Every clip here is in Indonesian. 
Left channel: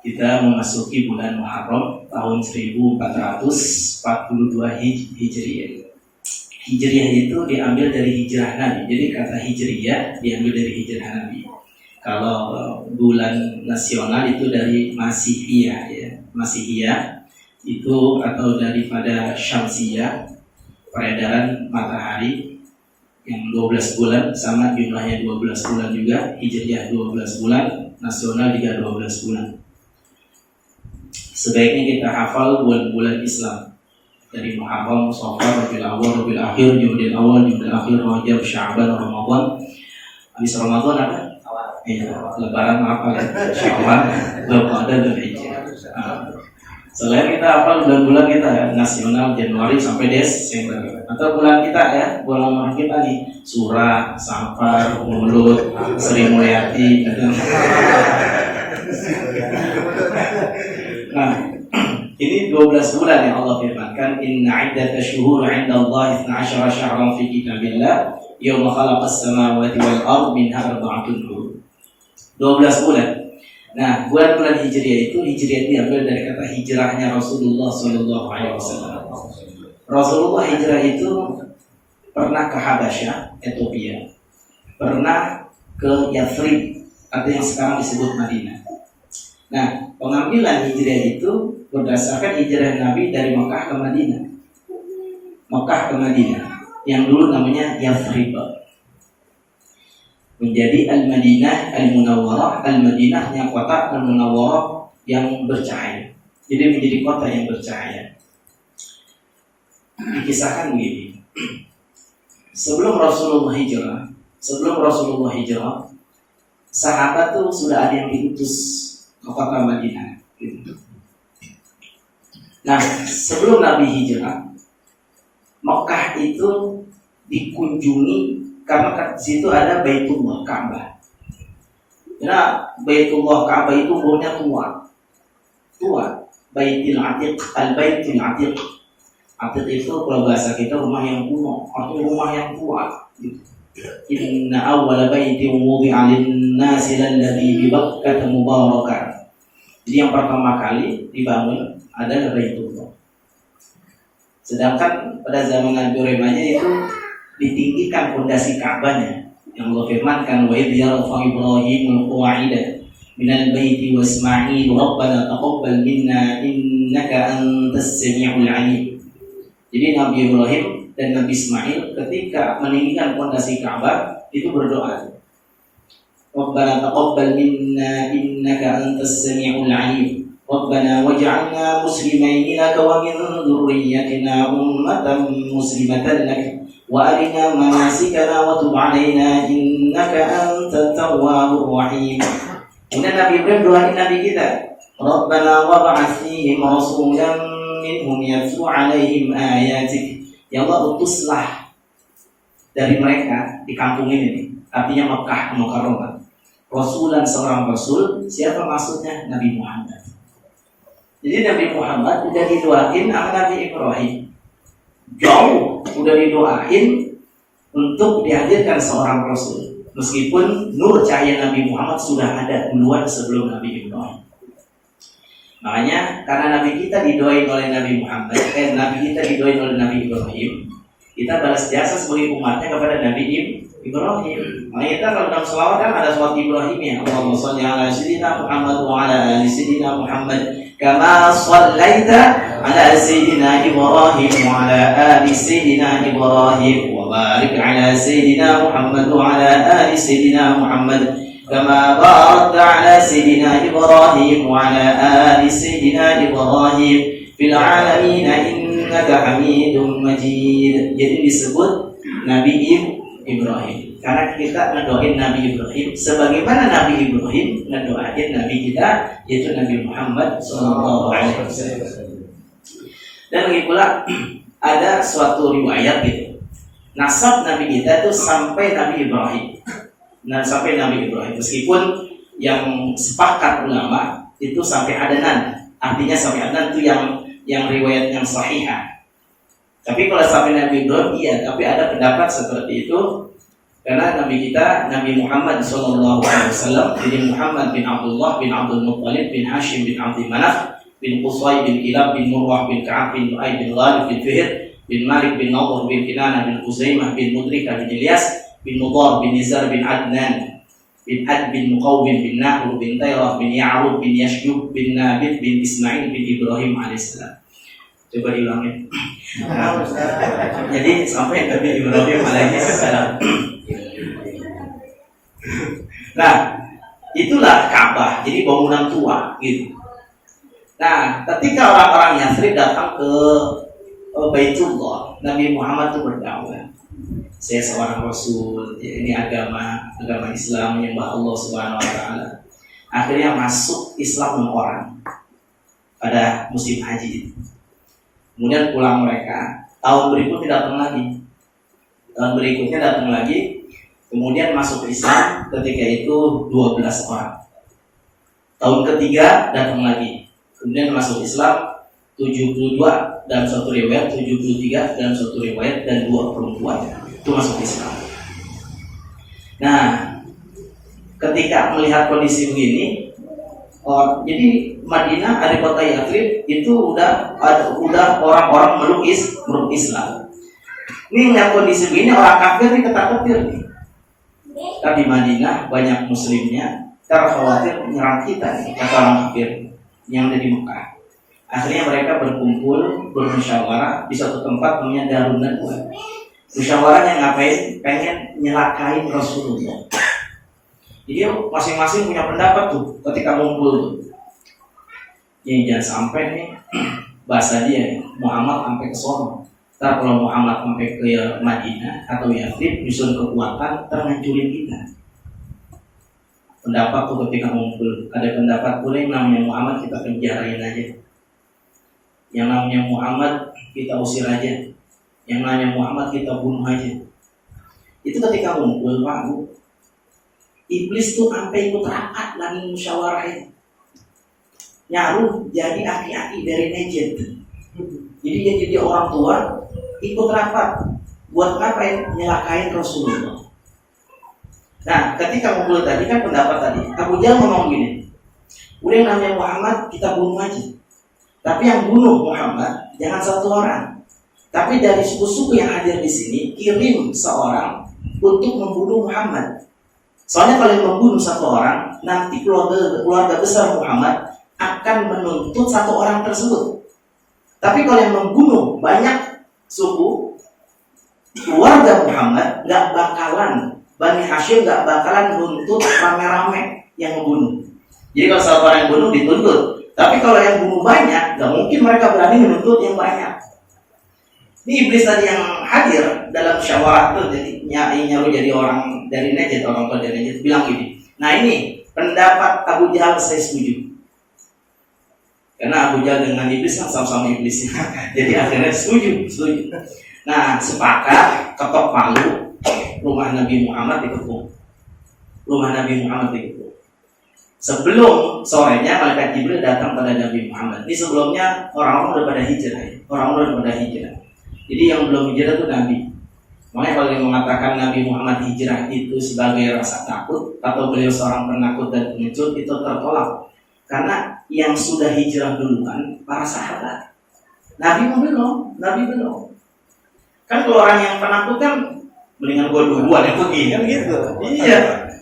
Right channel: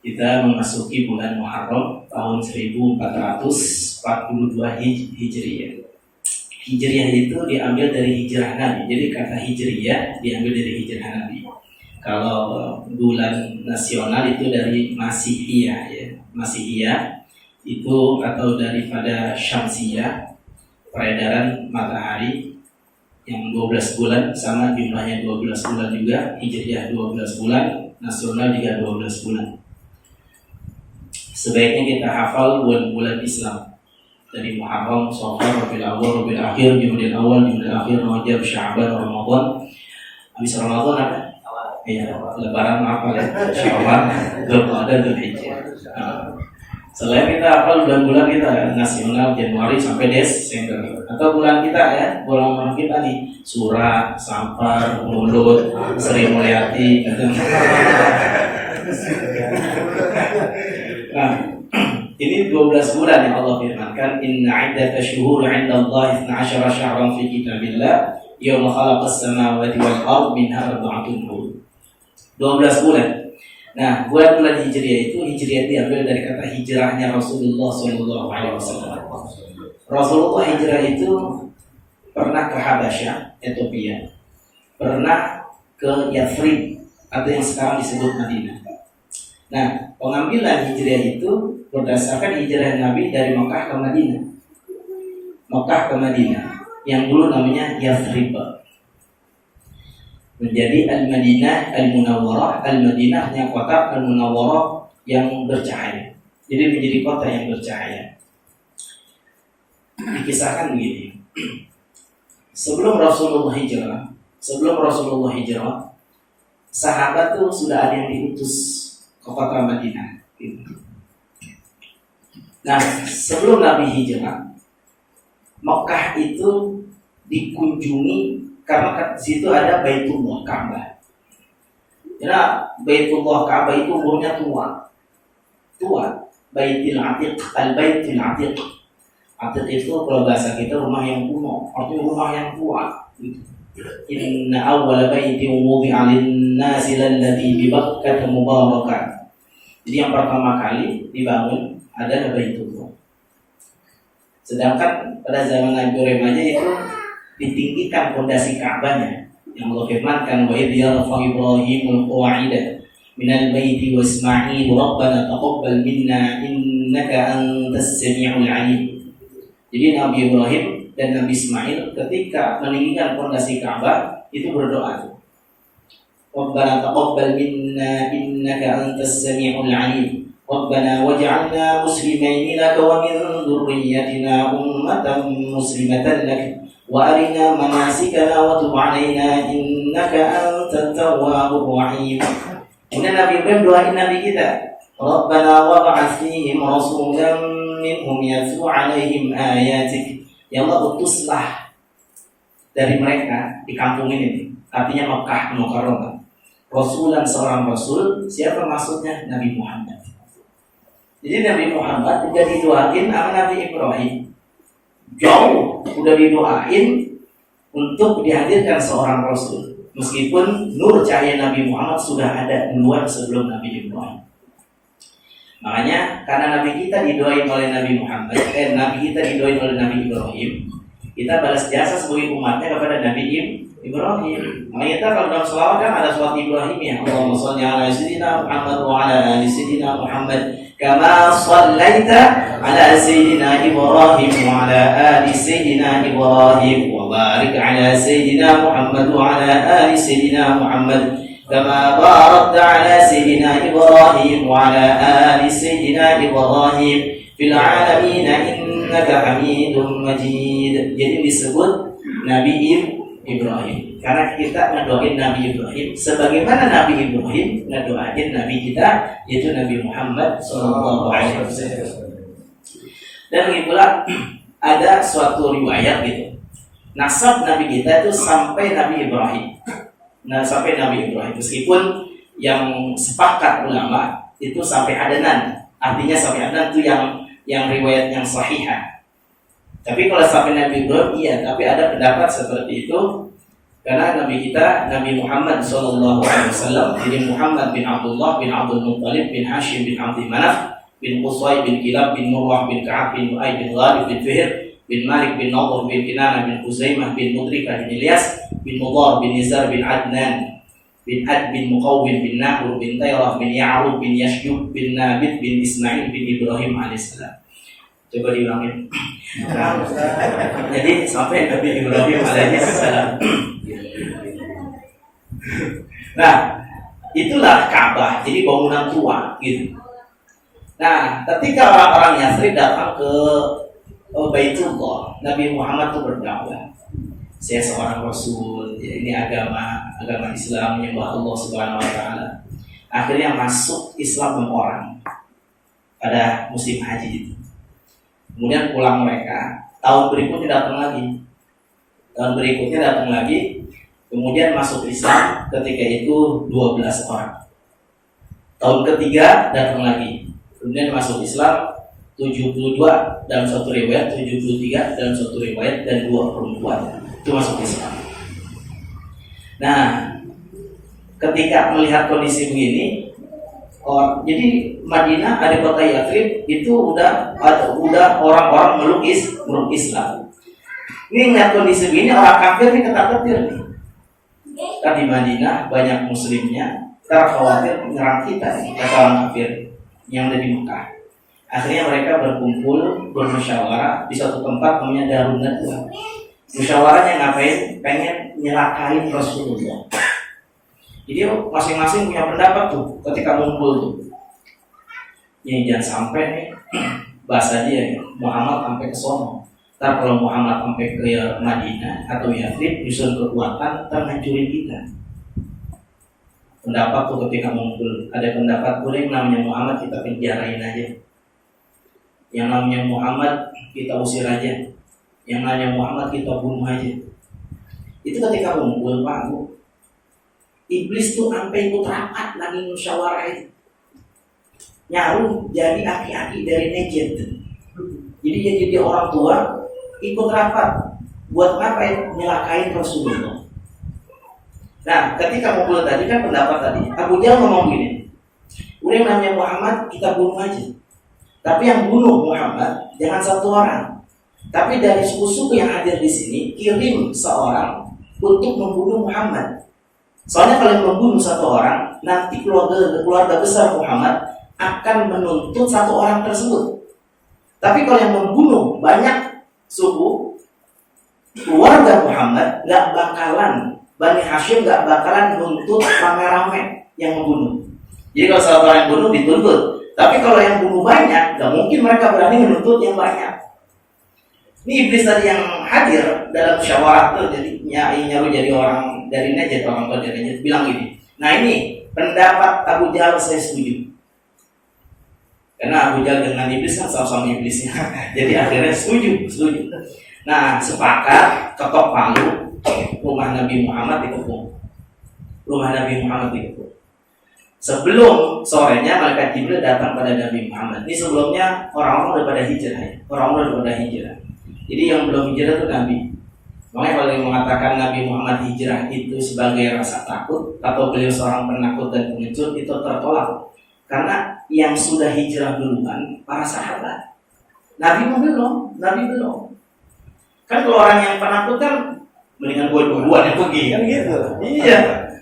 kita memasuki bulan Muharram tahun 1442 Hijriah. Hijriah itu diambil dari hijrah Nabi. Jadi kata Hijriah diambil dari hijrah Nabi. Kalau bulan nasional itu dari Masihiyah ya. Masihiyah itu atau daripada Syamsiyah, peredaran matahari yang 12 bulan, sama jumlahnya 12 bulan juga. Hijriah 12 bulan, nasional juga 12 bulan. Sebaiknya kita hafal bulan-bulan Islam dari Muharram, Shawwal, Rabiul Awwal, Rabiul Akhir, Jumadil Awal, Jumadil Akhir, Rajab, Sya'ban, Ramadan. Habis Ramadan apa? Iya, Lebaran apa ya? Syawal, Dzulqa'dah, Dzulhijjah. Selain kita hafal bulan-bulan kita nasional Januari sampai Desember, atau bulan kita ya, bulan kita nih Surah, Safar, Mulut, Sri Mulyati gitu. Nah, ini 12 bulan yang Allah firmankan, inna iddatash syuhuri 'indallahi 12 syahran fi kitabillah yauma khalaqas samawati wal ardh minha arba'atun hurum. 12 bulan. Nah, bulan-bulan Hijriah itu diambil dari kata hijrahnya Rasulullah SAW. Rasulullah hijrah itu pernah ke Habasyah, Ethiopia, pernah ke Yathrib atau yang sekarang disebut Madinah. Nah, pengambilan hijrah itu berdasarkan hijrah Nabi dari Mekah ke Madinah. Mekah ke Madinah, yang dulu namanya Yathrib, menjadi Al-Madinah Al-Munawwarah. Al-Madinah yang kota, Al-Munawwarah yang bercahaya. Jadi menjadi kota yang bercahaya. Dikisahkan begini. Sebelum Rasulullah hijrah, sahabat tuh sudah ada yang diutus ke kota Madinah gitu. Nah, sebelum Nabi hijrah, Mekah itu dikunjungi karena di situ ada Baitullah Ka'bah. Ya, Baitullah Ka'bah itu umurnya tua. Baitul Atiq, Al-Baitul Atiq. Atiq itu kalau bahasa kita rumah yang kuno, artinya rumah yang tua gitu. Inna awwala baitin wudi'a lin-nasi lalladzi bi Bakkah mubarakan. Jadi yang pertama kali dibangun adalah Baitullah. Sedangkan pada zaman Nabi Ibrahim aja itu ditinggikan fondasi Ka'bahnya. Yang Allah firmankan, wa idh yarfa'u Ibrahimul qawa'ida minal baiti wa Isma'il rabbana taqabbal minna innaka antas sami'ul 'alim. Jadi Nabi Ibrahim dan Nabi Ismail ketika meninggikan fondasi Ka'bah itu berdoa, Rabbana taqabbal minna innaka antas sami'ul 'alim. Rabbana waj'alna muslimaini laka wa min dzurriyyatina ummatan muslimatan lak wa arina manasikana wa tub 'alaina innaka antat tawwabur rahim. Kemudian Nabi Ibrahim doain Nabi kita, Rabbana wab'ats fihim rasulan minhum yatlu 'alaihim ayatik. Ya Allah, utuslah dari mereka di kampung ini, artinya Makkah Mukarramah, rasulan, seorang rasul. Siapa maksudnya? Nabi Muhammad. Jadi Nabi Muhammad sudah didoain sama Nabi Ibrahim. Jauh sudah didoain untuk dihadirkan seorang rasul. Meskipun nur cahaya Nabi Muhammad sudah ada duluan sebelum Nabi Ibrahim. Makanya karena Nabi kita didoain oleh Nabi Muhammad, Nabi kita didoain oleh Nabi Ibrahim, kita balas jasa sebagai umatnya kepada Nabi Ibrahim. Makanya kita kalau dalam selawat kan ada selawat Ibrahim ya, Allahumma shalli ala sayyidina Muhammad wa ala ali sayyidina Muhammad kama shallaita ala sayyidina Ibrahim wa ala ali sayyidina Ibrahim wa barik ala sayyidina Muhammad wa ala ali sayyidina Muhammad kama barakta ala sayyidina Ibrahim wa ala ali sayyidina Ibrahim fil alamin innaka Hamidum Majid. Jadi disebut Nabi Ibrahim karena kita ngedoain Nabi Ibrahim sebagaimana Nabi Ibrahim ngedoain Nabi kita, yaitu Nabi Muhammad SAW. Dan lagi pula ada suatu riwayat gitu, nasab Nabi kita itu sampai Nabi Ibrahim. Nah, sampai Nabi Ibrahim, meskipun yang sepakat ulama itu sampai Adnan, artinya sampai Adnan itu yang riwayat yang sahihah. Tapi kalau sampai Nabi Ibrahim iya, tapi ada pendapat seperti itu Karena Nabi kita, Nabi Muhammad SAW, jadi Muhammad bin Abdullah bin Abdul Muttalib bin Hashim bin Abdi Manaf bin Qusay bin Kilab bin Murwah bin Ka'ab bin Lu'ay bin Ghalib bin Fihr bin Malik bin Nadhr bin Kinanah bin Huzaimah bin Mudrikah bin Ilyas bin Mudar bin Nizar bin Adnan bin Ad bin Muqawwim bin Nahr bin Tayrah bin Ya'rub bin Yashjub bin Nabit bin Ismail bin Ibrahim alaihissalam. Coba diulangin. Jadi sampai Nabi Ibrahim alaihissalam. Nah, itulah Ka'bah. Jadi bangunan tua gitu. Nah, ketika orang-orang Yathrib datang ke Baitullah, Nabi Muhammad itu berdakwah. Saya seorang Rasul, ya, ini agama Islam yang Allah Subhanahu Wa Taala. Akhirnya masuk Islam 6 orang pada musim haji itu. Kemudian pulang mereka. Tahun berikutnya datang lagi. Kemudian masuk Islam ketika itu 12 orang. Tahun ketiga datang lagi. Kemudian masuk Islam 72 dalam satu riwayat, 73 dalam satu riwayat, dan 2 perempuan itu masuk Islam. Nah, ketika melihat kondisi begini, jadi Madinah, ada kota Yathrib itu udah orang-orang meluk Islam. Ini melihat kondisi begini, orang kafir nih ketar-ketir nih. Kan di Madinah banyak muslimnya, khawatir menyerang kita nih, kata orang kafir yang ada di Mekah. Akhirnya mereka berkumpul, bermusyawarah di suatu tempat namanya Darun Nadwa. Musyawarahnya ngapain? Pengen nyelakain Rasulullah. Jadi masing-masing punya pendapat tuh ketika ngumpul tuh. Ya jangan sampai nih bahasa dia Muhammad sampai ke sono. Ntar kalau Muhammad sampai ke Madinah atau Yathrib nyusun kekuatan, ntar ngancurin kita. Pendapat tuh ketika ngumpul, ada pendapat boleh namanya Muhammad kita penjarain aja. Yang namanya Muhammad kita usir aja. Yang namanya Muhammad kita bunuh aja. Itu ketika ngumpul, Pak Bu. Iblis tuh sampai ikut rapat lagi musyawarah itu. Nyaruh jadi aki-aki dari Najd. Jadi dia jadi orang tua ikut rapat buat ngapain? Nyelakain Rasulullah. Nah, ketika ngumpul tadi kan pendapat tadi, Abu Jahal ngomong gini, udah yang namanya Muhammad kita bunuh aja. Tapi yang bunuh Muhammad jangan satu orang, tapi dari suku-suku yang hadir di sini kirim seorang untuk membunuh Muhammad. Soalnya kalau yang membunuh satu orang, nanti keluarga besar Muhammad akan menuntut satu orang tersebut. Tapi kalau yang membunuh banyak suku, keluarga Muhammad nggak bakalan, Bani Hashim nggak bakalan nuntut rame-rame yang membunuh. Jadi kalau satu orang yang bunuh dituntut. Tapi kalau yang bunuh banyak, nggak mungkin mereka berani menuntut yang banyak. Ini iblis tadi yang hadir dalam musyawarah itu, jadi nyaru jadi orang dari Najd, orang tua dari Najd bilang gini. Nah ini pendapat Abu Jahal saya setuju. Karena Abu Jahal dengan iblis kan sama-sama iblisnya. Jadi akhirnya setuju. Nah sepakat ketok palu, rumah Nabi Muhammad dikepung. Sebelum sorenya malaikat Jibril datang pada Nabi Muhammad. Ini sebelumnya orang-orang udah pada hijrah. Jadi yang belum hijrah itu Nabi. Makanya kalau yang mengatakan Nabi Muhammad hijrah itu sebagai rasa takut atau beliau seorang penakut dan pengecut, itu tertolak. Karena yang sudah hijrah duluan para sahabat. Nabi belum. Kan kalau orang yang penakut kan mendingan gua duluan yang pergi kan gitu. Iya.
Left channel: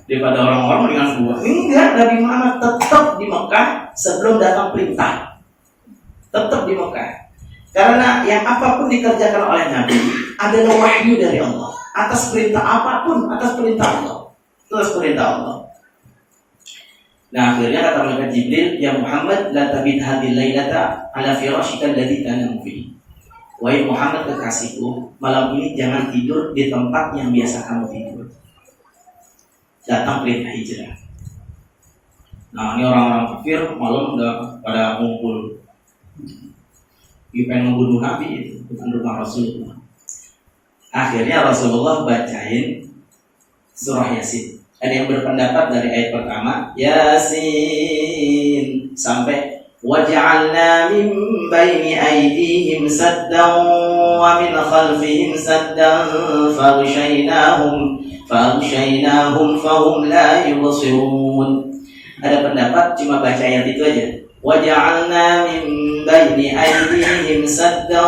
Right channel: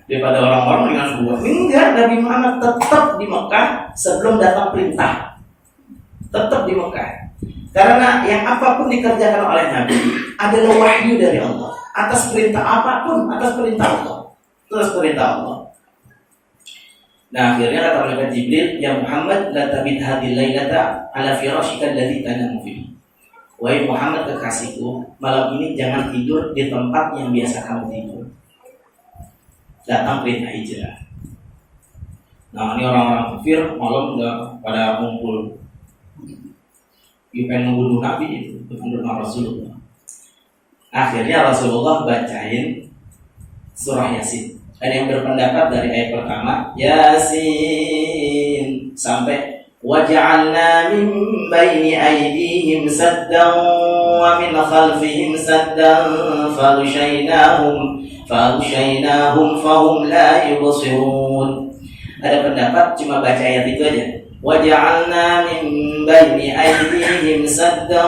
Daripada orang-orang mendingan gua. Enggak, Nabi Muhammad tetap di Mekah sebelum datang perintah. Tetap di Mekah. Karena yang apapun dikerjakan oleh Nabi adalah wahyu dari Allah. Atas perintah apapun, atas perintah Allah. Nah akhirnya kata malaikat Jibril, ya Muhammad la tabid hadhil lailata ala firashika alladhi tanamu fihi. Wahai Muhammad kekasihku, malam ini jangan tidur di tempat yang biasa kamu tidur. Datang perintah hijrah. Nah ini orang-orang kafir malam udah pada ngumpul. Pengen membunuh Nabi itu, bukan rumah Rasulullah. Akhirnya Rasulullah bacain surah Yasin. Ada yang berpendapat dari ayat pertama Yasin sampai waj'alna min baini aydihim saddan wa min khalfihim saddan faghshaynahum فأغشيناهم فهم لا يبصرون. Ada pendapat cuma baca ayat itu aja. وَجَعَلْنَا مِنْ بَيْنِ أَيْدِيهِمْ سَدًّا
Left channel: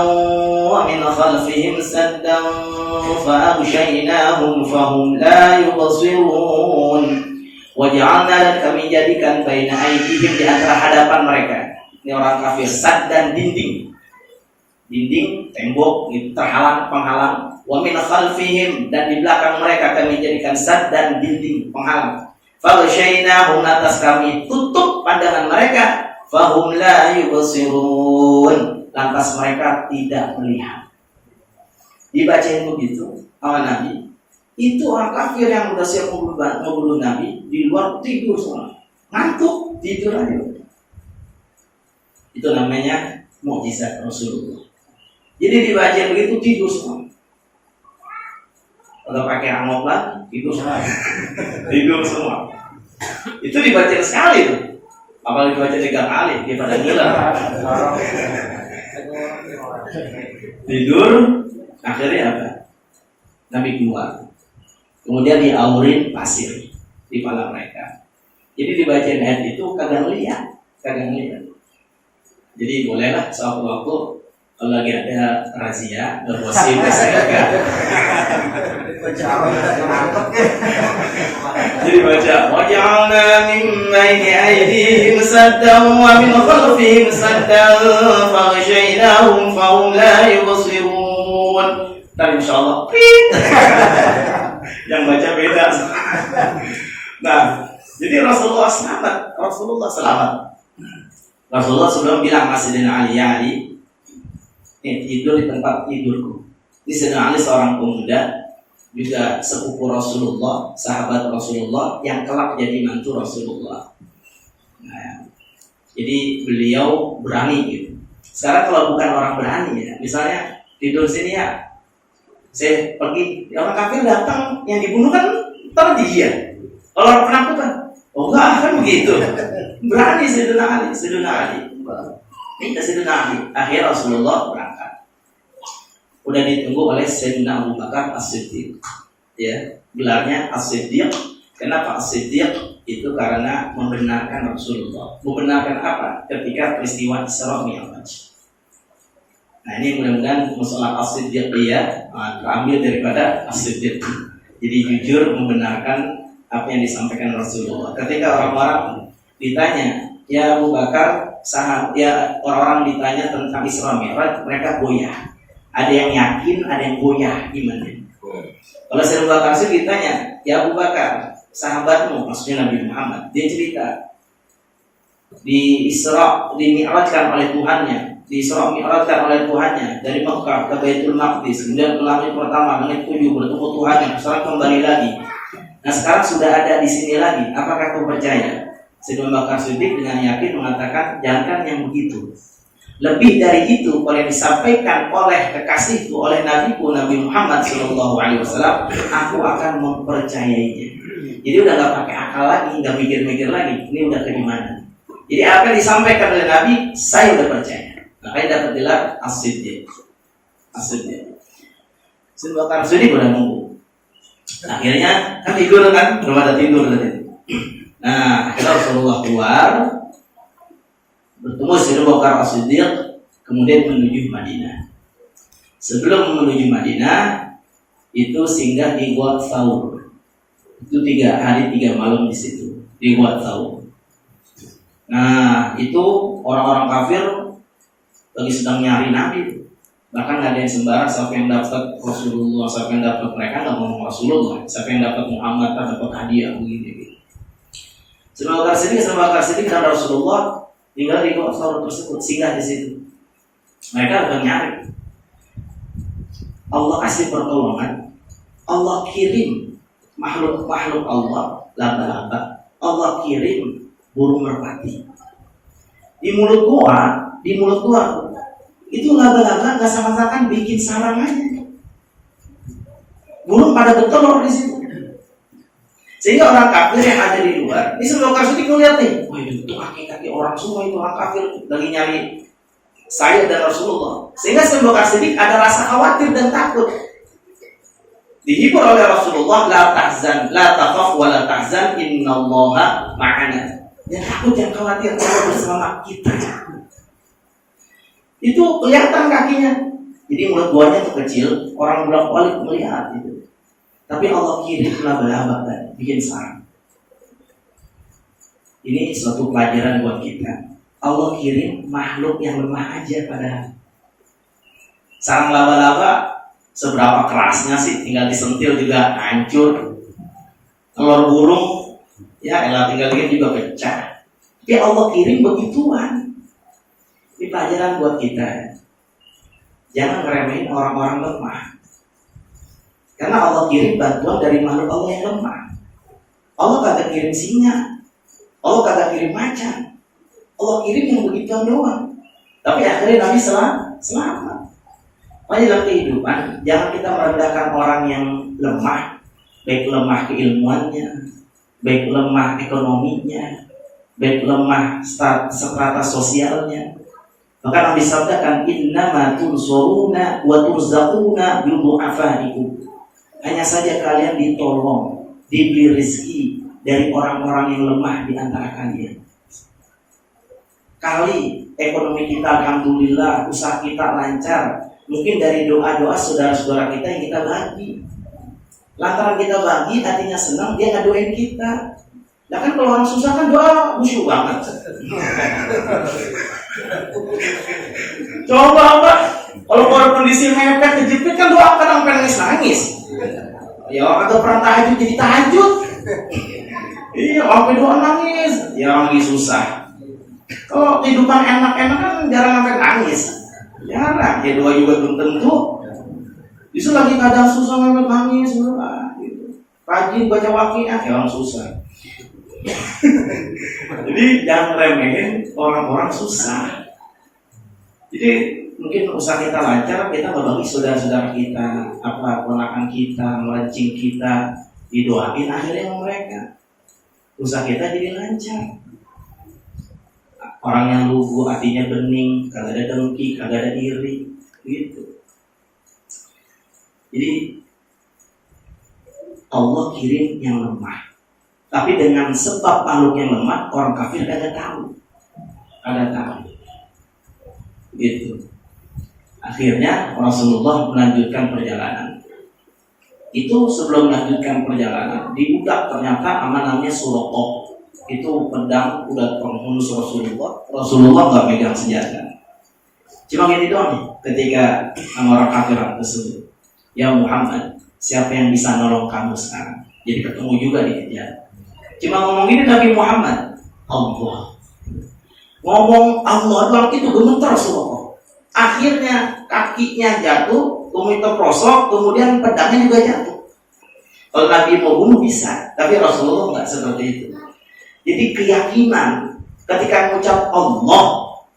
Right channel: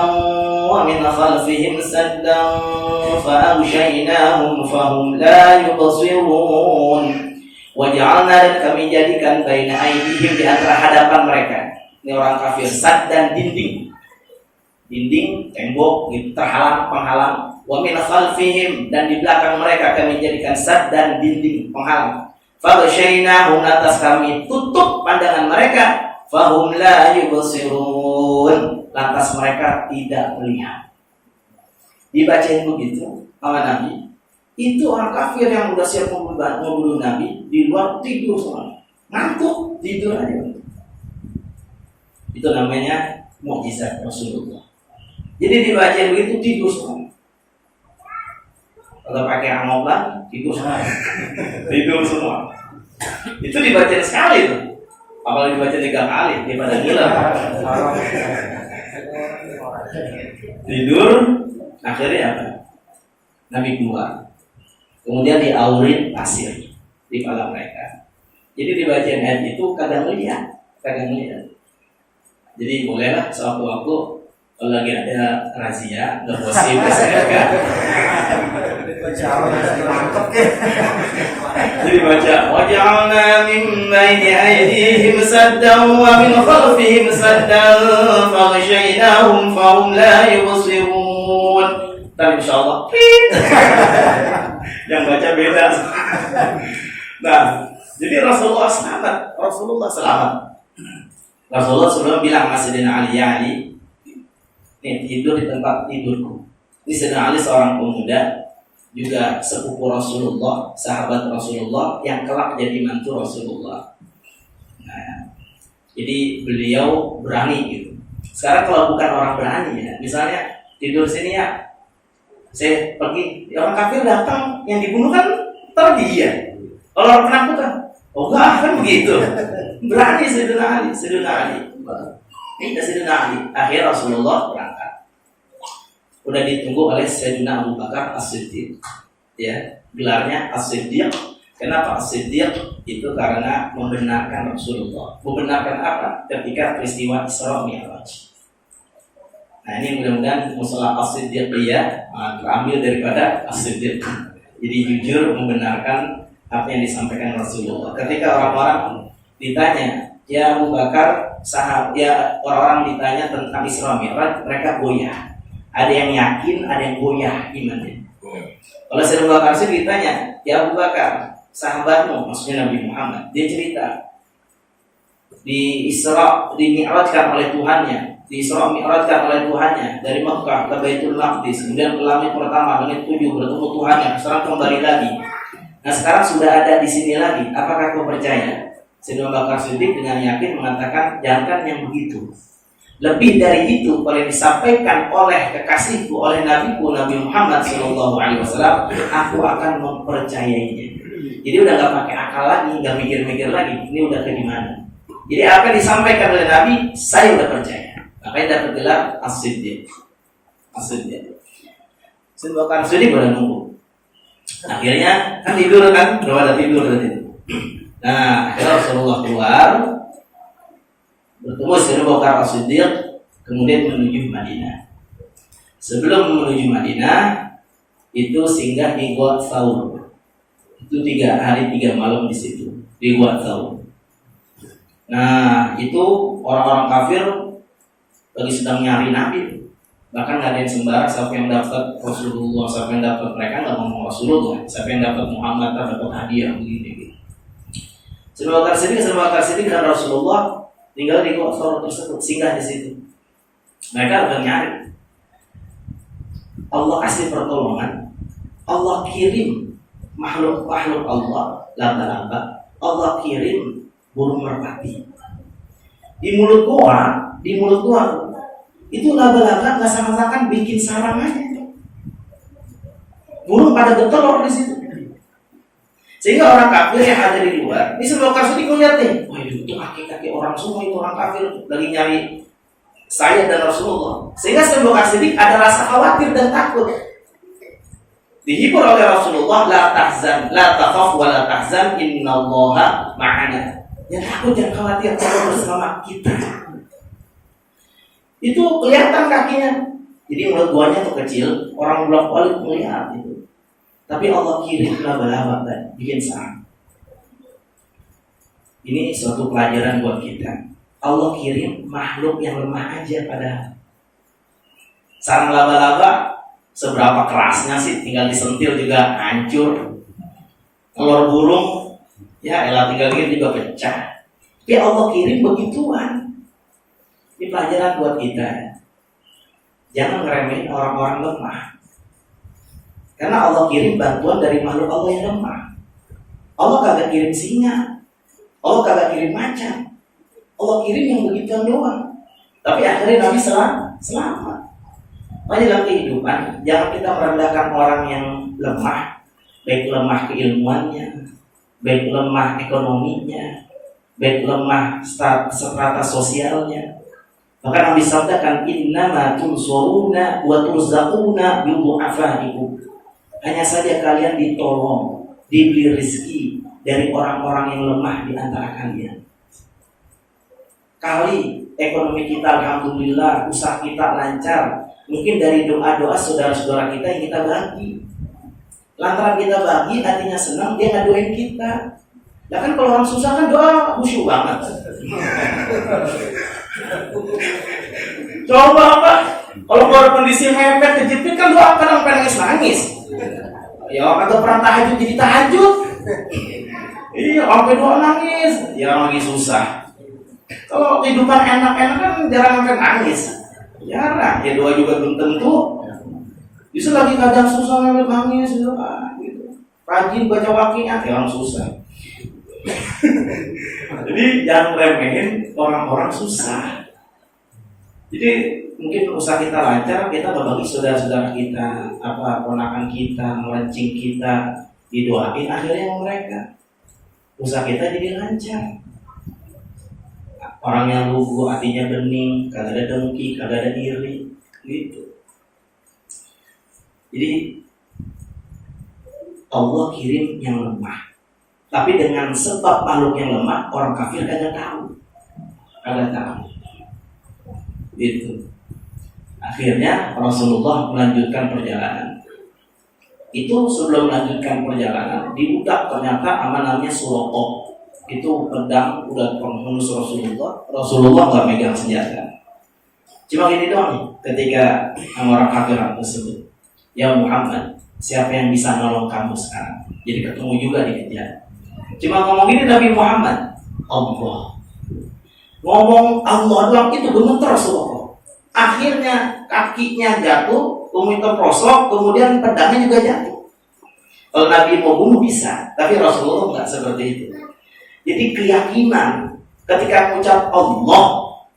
وَمِنْ خَلْفِهِمْ سَدًّا فَأَغْشَيْنَاهُمْ فَهُمْ لَا يُبْصِرُونَ. وَجَعَلْنَا, dan kami jadikan baina aydihim, di antara hadapan mereka, ini orang kafir, saddan, dinding, tembok, terhalang, penghalang. Wa min khalfihim, dan di belakang mereka kami jadikan saddan, dinding, penghalang. Faghshaynahum, atas kami tutup pandangan mereka, fahum la yubsirun, lantas mereka tidak melihat. Dibacain begitu sama Nabi. Itu orang kafir yang udah siap membunuh Nabi, di luar tidur semua, ngantuk, tidur aja. Itu namanya mukjizat Rasulullah. Jadi dibacain begitu, tidur semua. Kalau pakai amok lagi, tidur semua. Tidur semua. Itu dibacain sekali tuh. Apalagi dibaca 3 kali, daripada gila. Tidur, akhirnya apa? Nabi keluar. Kemudian diaurin pasir di kepala mereka. Jadi dibacain ayat itu kadang lihat. Jadi bolehlah sewaktu-waktu kalau lagi ada razia, berbosi, jadi baca waj'alna min baini aydihim saddan wa min khalfihim saddan faghshaynahum fahum la yubsirun. Tapi insyaallah yang baca beda. Nah, jadi Rasulullah selamat. Rasulullah sebelum bilang Sayyidina Ali, tidur di tempat tidurku. Ini Sayyidina Ali seorang pemuda, juga sepupu Rasulullah, sahabat Rasulullah yang kelak jadi mantu Rasulullah. Nah, jadi beliau berani gitu. Sekarang kalau bukan orang berani ya, misalnya tidur sini ya, saya pergi, orang kafir datang, yang dibunuh kan ntar dia. Kalau orang penakutan, oh enggak kan begitu. Berani Sayyidina Ali. Minta Sayyidina Ali. Akhirnya Rasulullah berangkat. Udah ditunggu oleh Sayyidina Abu Bakar As-Siddiq. Ya, gelarnya As-Siddiq. Kenapa As-Siddiq? Itu karena membenarkan Rasulullah. Membenarkan apa? Ketika peristiwa Isra Mi'raj. Nah, ini mudah-mudahan masalah As-Siddiq terambil daripada As-Siddiq. Jadi jujur membenarkan apa yang disampaikan Rasulullah. Ketika orang-orang ditanya, ya Abu Bakar, orang-orang ditanya tentang Isra Mi'raj, mereka goyah. Ada yang yakin, ada yang goyah, gimana? Kalau Sayyidina Abu Bakar ditanya, ya Abu Bakar, sahabatmu, maksudnya Nabi Muhammad, dia cerita di Isra, dimi'rajkan oleh Tuhannya, dari Mekah ke Baitul Maqdis, kemudian ke langit pertama, langit 7, bertemu Tuhannya, sekarang kembali lagi. Nah sekarang sudah ada di sini lagi, apakah kau percaya? Sayyidina Abu Bakar Siddiq dengan yakin mengatakan, jangan yang begitu. Lebih dari itu, kalau yang disampaikan oleh kekasihku, oleh nabiku Nabi Muhammad SAW, aku akan mempercayainya. Jadi udah nggak pakai akal lagi, nggak mikir-mikir lagi. Ini udah ke mana? Jadi apa yang disampaikan oleh Nabi, saya udah percaya. Makanya dapat gelar As-Siddiq. Sayyidina Abu Bakar Siddiq udah nunggu. Akhirnya kan tidur kan, belum ada tidur tadi. Nah, akhirnya Rasulullah keluar, bertemu Sayyidina Abu Bakar As-Siddiq, kemudian menuju Madinah. Sebelum menuju Madinah, itu singgah di Gua Thawr. Itu 3 hari 3 malam di situ, di Gua Thawr. Nah, itu orang-orang kafir lagi sedang nyari Nabi. Bahkan nggak ada yang sembarang, siapa yang dapat Rasulullah, siapa yang dapat, mereka nggak ngomong Rasulullah, siapa yang dapat Muhammad, dapat hadiah begini. Sayyidina Abu Bakar Siddiq dan Rasulullah tinggal di Gua Thawr tersebut, singgah di situ. Mereka lagi nyari. Allah kasih pertolongan, Allah kirim makhluk Allah, laba-laba, Allah kirim burung merpati. Di mulut gua itu laba-laba nggak sama-sama bikin sarang aja. Burung pada bertelur di situ. Sehingga orang kafir yang ada di luar, ini sebelum kasus itu lihat nih, wah itu kaki-kaki orang semua, itu orang kafir lagi nyari saya dan Rasulullah. Sehingga sebelum kasus ini ada rasa khawatir dan takut. Dihibur oleh Rasulullah, la tahzan, la takhaf wa la tahzan, innallaha ma'ana. Jangan takut, jangan khawatir, Allah bersama kita. Itu kelihatan kakinya. Jadi mulut buahnya itu kecil, orang bolak-balik melihat itu. Tapi Allah kirim laba-laba dan bikin sarang. Ini suatu pelajaran buat kita. Allah kirim makhluk yang lemah aja padahal. Sarang laba-laba seberapa kerasnya sih, tinggal disentil juga hancur. Telur burung ya elah tinggal gini juga pecah. Tapi Allah kirim begituan. Ini pelajaran buat kita. Jangan ngeremehin orang-orang lemah. Karena Allah kirim bantuan dari makhluk Allah yang lemah. Allah kagak kirim singa, Allah kagak kirim macan, Allah kirim yang begituan doang. Tapi akhirnya Nabi selamat. Makanya dalam kehidupan jangan kita merendahkan orang yang lemah, baik lemah keilmuannya, baik lemah ekonominya, baik lemah strata sosialnya. Bahkan Nabi sabdakan, innama tunsuruna wa turzaquna bi du'afaikum. Hanya saja kalian ditolong, diberi rezeki dari orang-orang yang lemah di antara kalian. Kali ekonomi kita alhamdulillah, usaha kita lancar, mungkin dari doa-doa saudara-saudara kita yang kita bagi. Lantaran kita bagi, artinya senang, dia ngadoain kita. Nah kan kalau orang susah kan doa khusyuk banget. Coba apa? Kalau baru kondisi mepet kejepit kan doa kadang pengen nangis. Ya orang kagak pernah tahajud jadi tahajud. Iya, sampai doa nangis. Ya orang lagi susah. Kalau kehidupan enak-enak kan jarang sampai nangis. Jarang. Ya doa juga belum tentu. Bisa lagi kadang susah sampai nangis doa. Gitu. Rajin baca waqiah ya orang susah. Jadi jangan remehin orang-orang susah. Jadi mungkin usaha kita lancar, kita berbagi saudara-saudara kita, apa ponakan kita, melencing kita, didoain akhirnya mereka. Usaha kita jadi lancar. Orang yang lugu hatinya bening, kagak ada dengki, kagak ada iri, gitu. Jadi Allah kirim yang lemah. Tapi dengan sebab makhluk yang lemah, orang kafir kagak tahu. Itu. Akhirnya Rasulullah melanjutkan perjalanan. Itu sebelum melanjutkan perjalanan, di budak ternyata namanya Suraqah. Itu pedang udah pengurus Rasulullah. Rasulullah nggak megang senjata. Cuma gini doang ketika orang kafir tersebut, ya Muhammad, siapa yang bisa nolong kamu sekarang? Jadi ketemu juga dikejar. Cuma ngomong gini Nabi Muhammad, Allah. Ngomong Allah doang itu gemeter Rasulullah. Akhirnya kakinya jatuh, kemudian terprosok, kemudian pedangnya juga jatuh. Kalau Nabi mau bunuh bisa, tapi Rasulullah nggak seperti itu. Jadi keyakinan ketika mengucap Allah,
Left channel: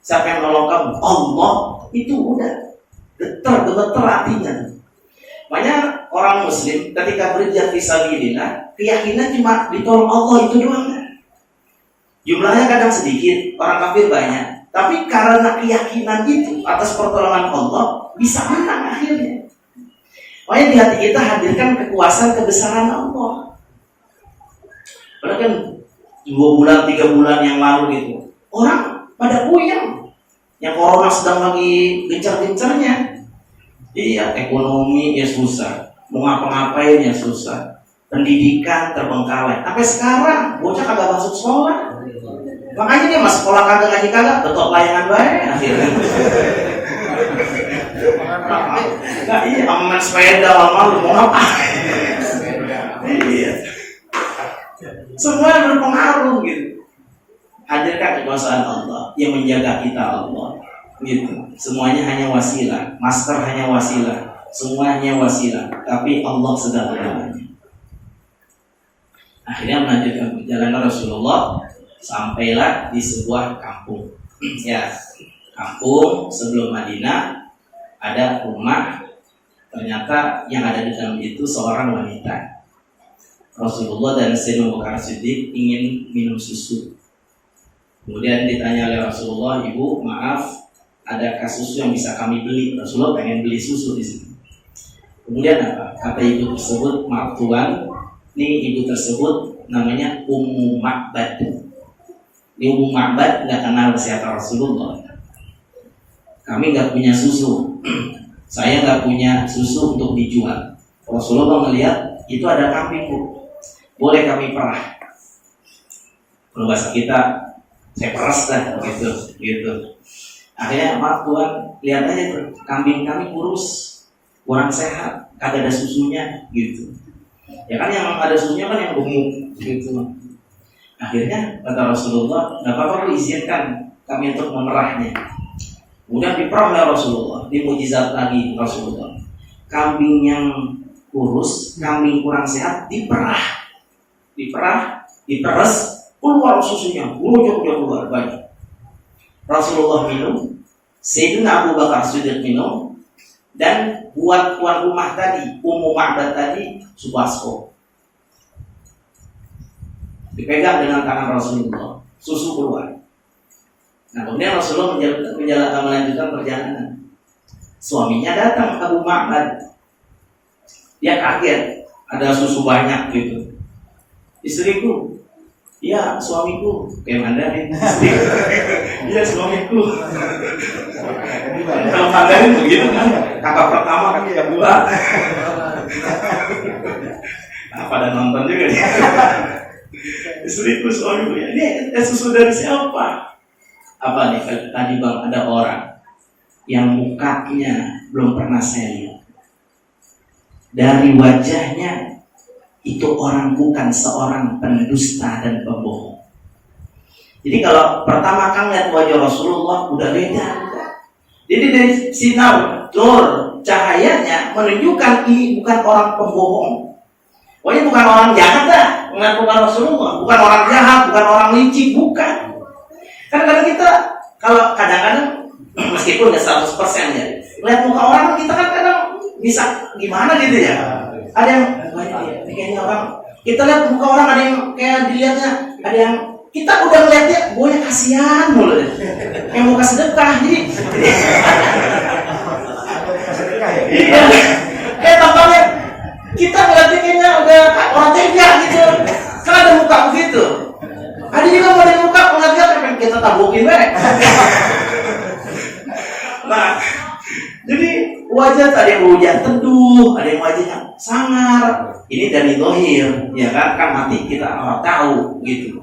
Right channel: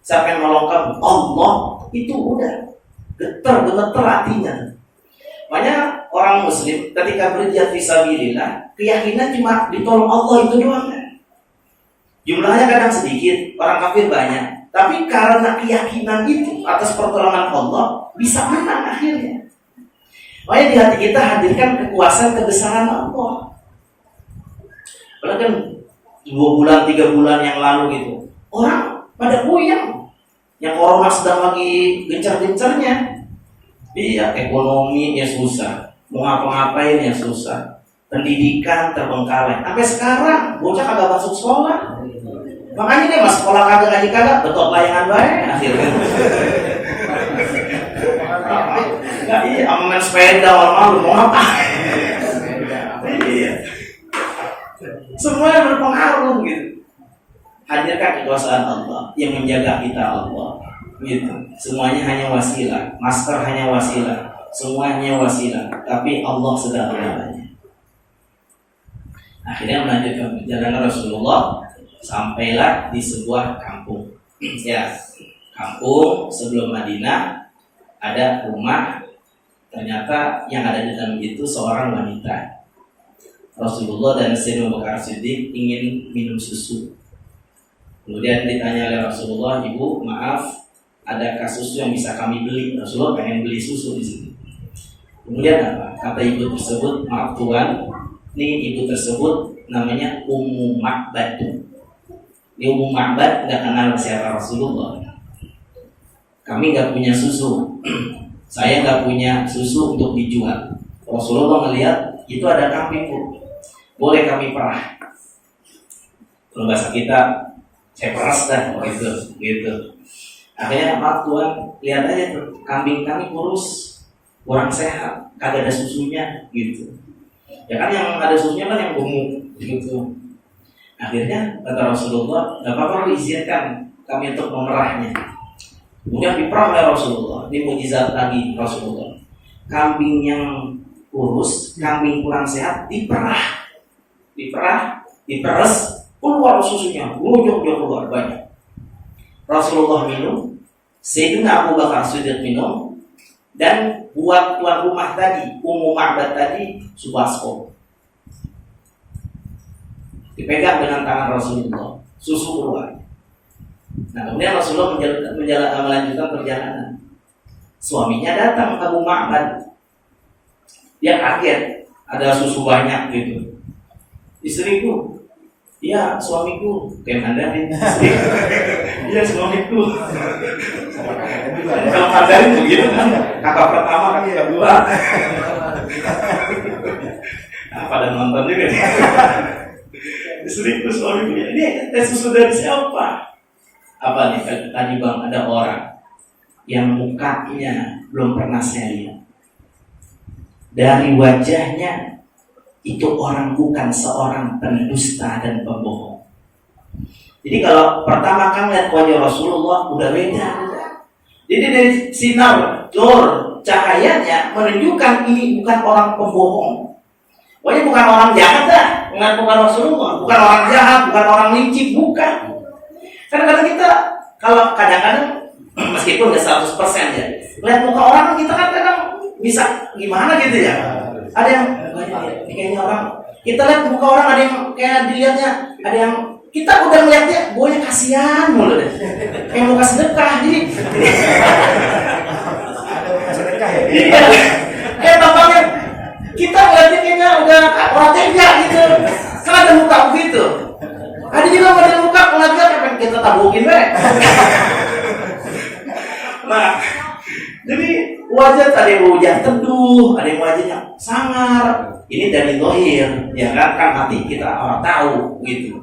siapa yang nolong kamu? Allah, itu udah gemeter hatinya. Makanya orang Muslim ketika berjihad fisabilillah, keyakinan cuma ditolong Allah itu doang. Jumlahnya kadang sedikit, orang kafir banyak. Tapi karena keyakinan itu atas pertolongan Allah bisa menang akhirnya. Makanya di hati kita hadirkan kekuasaan kebesaran Allah. Padahal kan 2 bulan, 3 bulan yang lalu itu orang pada puyeng. Yang corona sedang lagi gencar-gencarnya. Iya, ekonomi ya susah, mau ngapa-ngapain ya susah, pendidikan terbengkalai. Sampai sekarang bocah kagak masuk sekolah. Makanya dia masuk sekolah kagak ngaji kagak, betul layangan baik akhirnya. Enggak iya, main sepeda malu mau apa? Iya. Semua berpengaruh gitu. Hadirkan kekuasaan Allah yang menjaga kita Allah. Gitu. Semuanya hanya wasilah, master hanya wasilah, semuanya wasilah, tapi Allah segala-galanya. Akhirnya melanjutkan perjalanan Rasulullah, sampailah di sebuah kampung. Ya, kampung sebelum Madinah ada rumah. Ternyata yang ada di dalam itu seorang wanita. Rasulullah dan Sayyidina Abu Bakar Siddiq ingin minum susu. Kemudian ditanya oleh Rasulullah, "Ibu, maaf, adakah susu yang bisa kami beli?" Rasulullah pengen beli susu di sini. Kemudian apa? kata ibu tersebut, maaf tuan, ini ibu tersebut namanya Ummu Ma'bad. Ini Ummu Ma'bad nggak kenal siapa Rasulullah. Kami nggak punya susu, saya nggak punya susu untuk dijual. Rasulullah melihat itu ada kambing, Bu, boleh kami perah. Kalau bahasa kita, saya peras dah, gitu. Akhirnya maaf tuan, lihat aja tuh, kambing kami kurus, kurang sehat, kagak ada susunya, gitu. Ya kan yang ada susunya kan yang gemuk, gitu. Akhirnya kata Rasulullah, nggak apa-apa, izinkan kami untuk memerahnya. Kemudian diperah oleh Rasulullah, di mukjizat lagi Rasulullah. Kambing yang kurus, kambing kurang sehat, diperas, keluar susunya, keluar banyak. Rasulullah minum, Sayyidina Abu Bakar Siddiq minum, dan buat tuan rumah tadi, Ummu Ma'bad tadi, subasco. Dipegang dengan tangan Rasulullah, susu keluar. Nah, kemudian Rasulullah melanjutkan perjalanan. Suaminya datang, Abu Ma'bad. Dia kaget, ada susu banyak gitu. Istriku, iya suamiku, kayak Mandarin. Iya suamiku. Kalau Mandarin begitu kan, kakak pertama, kakak kedua. Nah, pada nonton juga nih. Istriku, suamiku, ya ini susu dari siapa? Apa nih? Tadi bang, ada orang yang mukanya belum pernah saya lihat. Dari wajahnya itu orang bukan seorang pendusta dan pembohong. Jadi kalau pertama kali lihat wajah Rasulullah udah beda. Jadi dari sinar, cahayanya menunjukkan ini bukan orang pembohong. Pokoknya bukan orang jahat dah, bukan Rasulullah, bukan orang jahat, bukan orang licik, bukan. Kadang-kadang kita kalau kadang-kadang meskipun nggak 100% ya, lihat muka orang kita kan kadang bisa gimana gitu ya. Ada yang kayaknya orang, kita lihat muka orang ada yang kayak dilihatnya, ada yang kita udah melihatnya, boleh kasihan mulu deh, kayak mau kasih sedekah jadi. Iya, kayak tampaknya kita ngeliatnya kayaknya udah orang tega gitu, kan ada muka begitu. Ada juga ada muka ngeliatnya kayak kita tabukin deh. Nah, jadi wajah tadi wajah teduh, ada yang wajahnya sangar. Ini dari zahir, ya kan mati kita orang tahu gitu.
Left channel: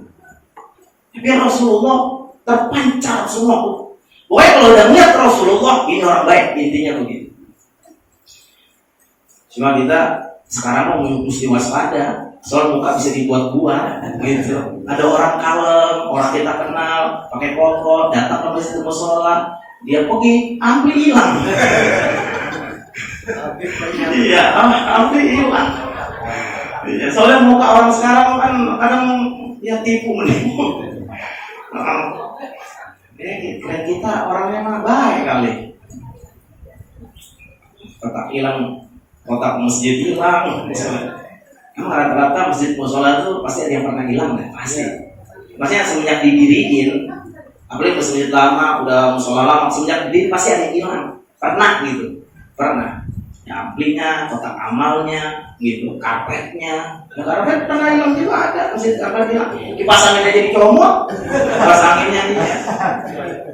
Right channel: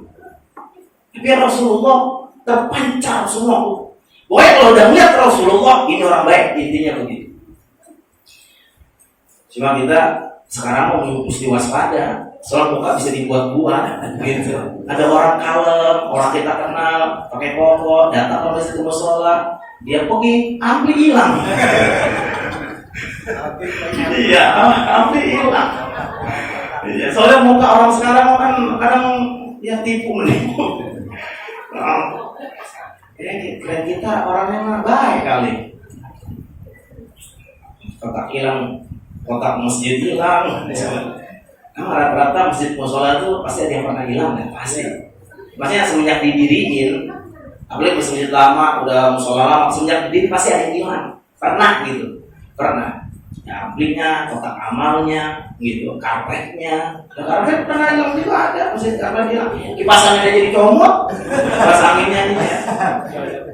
Tapi Rasulullah terpancar semua tuh. Pokoknya kalau udah melihat Rasulullah ini orang baik, intinya begitu. Cuma kita sekarang mau mesti waspada, soal muka bisa dibuat-buat gitu. Ada orang kalem, orang kita kenal, pakai pokok, datang ke masjid mushola, dia pergi, ampli hilang. Iya, ampli hilang. Iya, soalnya muka orang sekarang kan kadang ya menipu. Kira kita orangnya baik kali. Kotak hilang, kotak masjid hilang. Karena rata-rata masjid mushola itu pasti ada yang pernah hilang ya, pasti. Maksudnya semenjak didiriin, apalagi masjid lama, udah mushola lama, semenjak didiriin pasti ada yang hilang. Pernah gitu, pernah. Ya, amplinya, kotak amalnya, gitu, karpetnya. Karpet pernah hilang juga ada, masjid karpet hilang. Dipasangin aja jadi comot, pasanginnya gitu.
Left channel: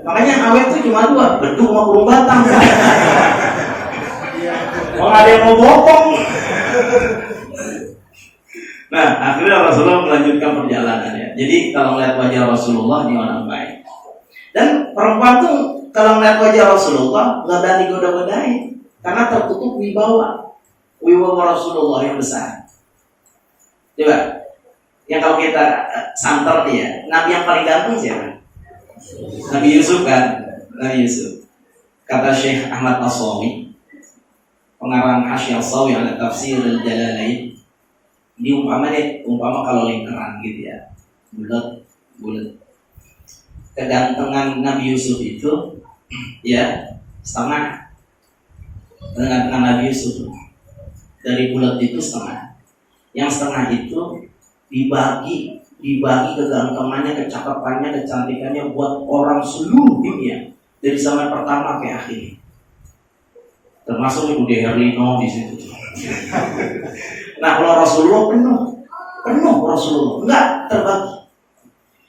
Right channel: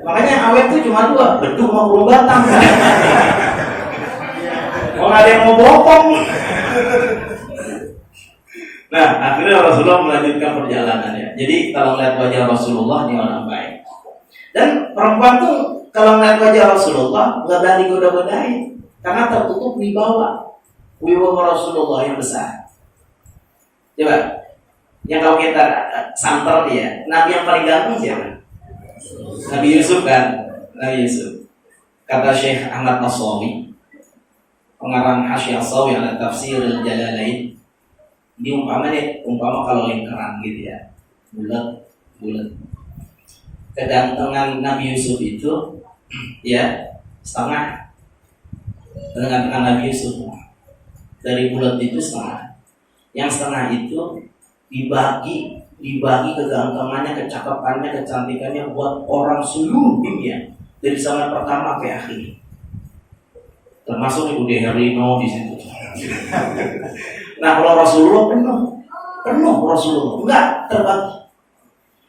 Makanya awet tuh cuma dua, beduk sama burung batang. Kalau ada yang mau bokong. Nah, akhirnya Rasulullah melanjutkan perjalanannya. Jadi kalau melihat wajah Rasulullah ini orang baik. Dan perempuan tuh kalau melihat wajah Rasulullah nggak berani goda-godain, karena tertutup wibawa Rasulullah yang besar. Coba, yang kalau kita santer dia, Nabi yang paling ganteng siapa? Nabi Yusuf kan, Nabi Yusuf. Kata Syekh Ahmad Nasrawi, pengarang Hasyiah Sawi ala Tafsir Al-Jalalain, ini umpama kalau lingkaran gitu ya, bulat. Kegantengan Nabi Yusuf itu ya setengah. Kegantengan Nabi Yusuf dari bulat itu setengah. Yang setengah itu dibagi kegantengannya, kecakapannya, kecantikannya buat orang seluruh dunia dari zaman pertama sampai akhir. Termasuk Ibu De Herlino di situ. Nah kalau Rasulullah penuh Rasulullah, enggak terbagi.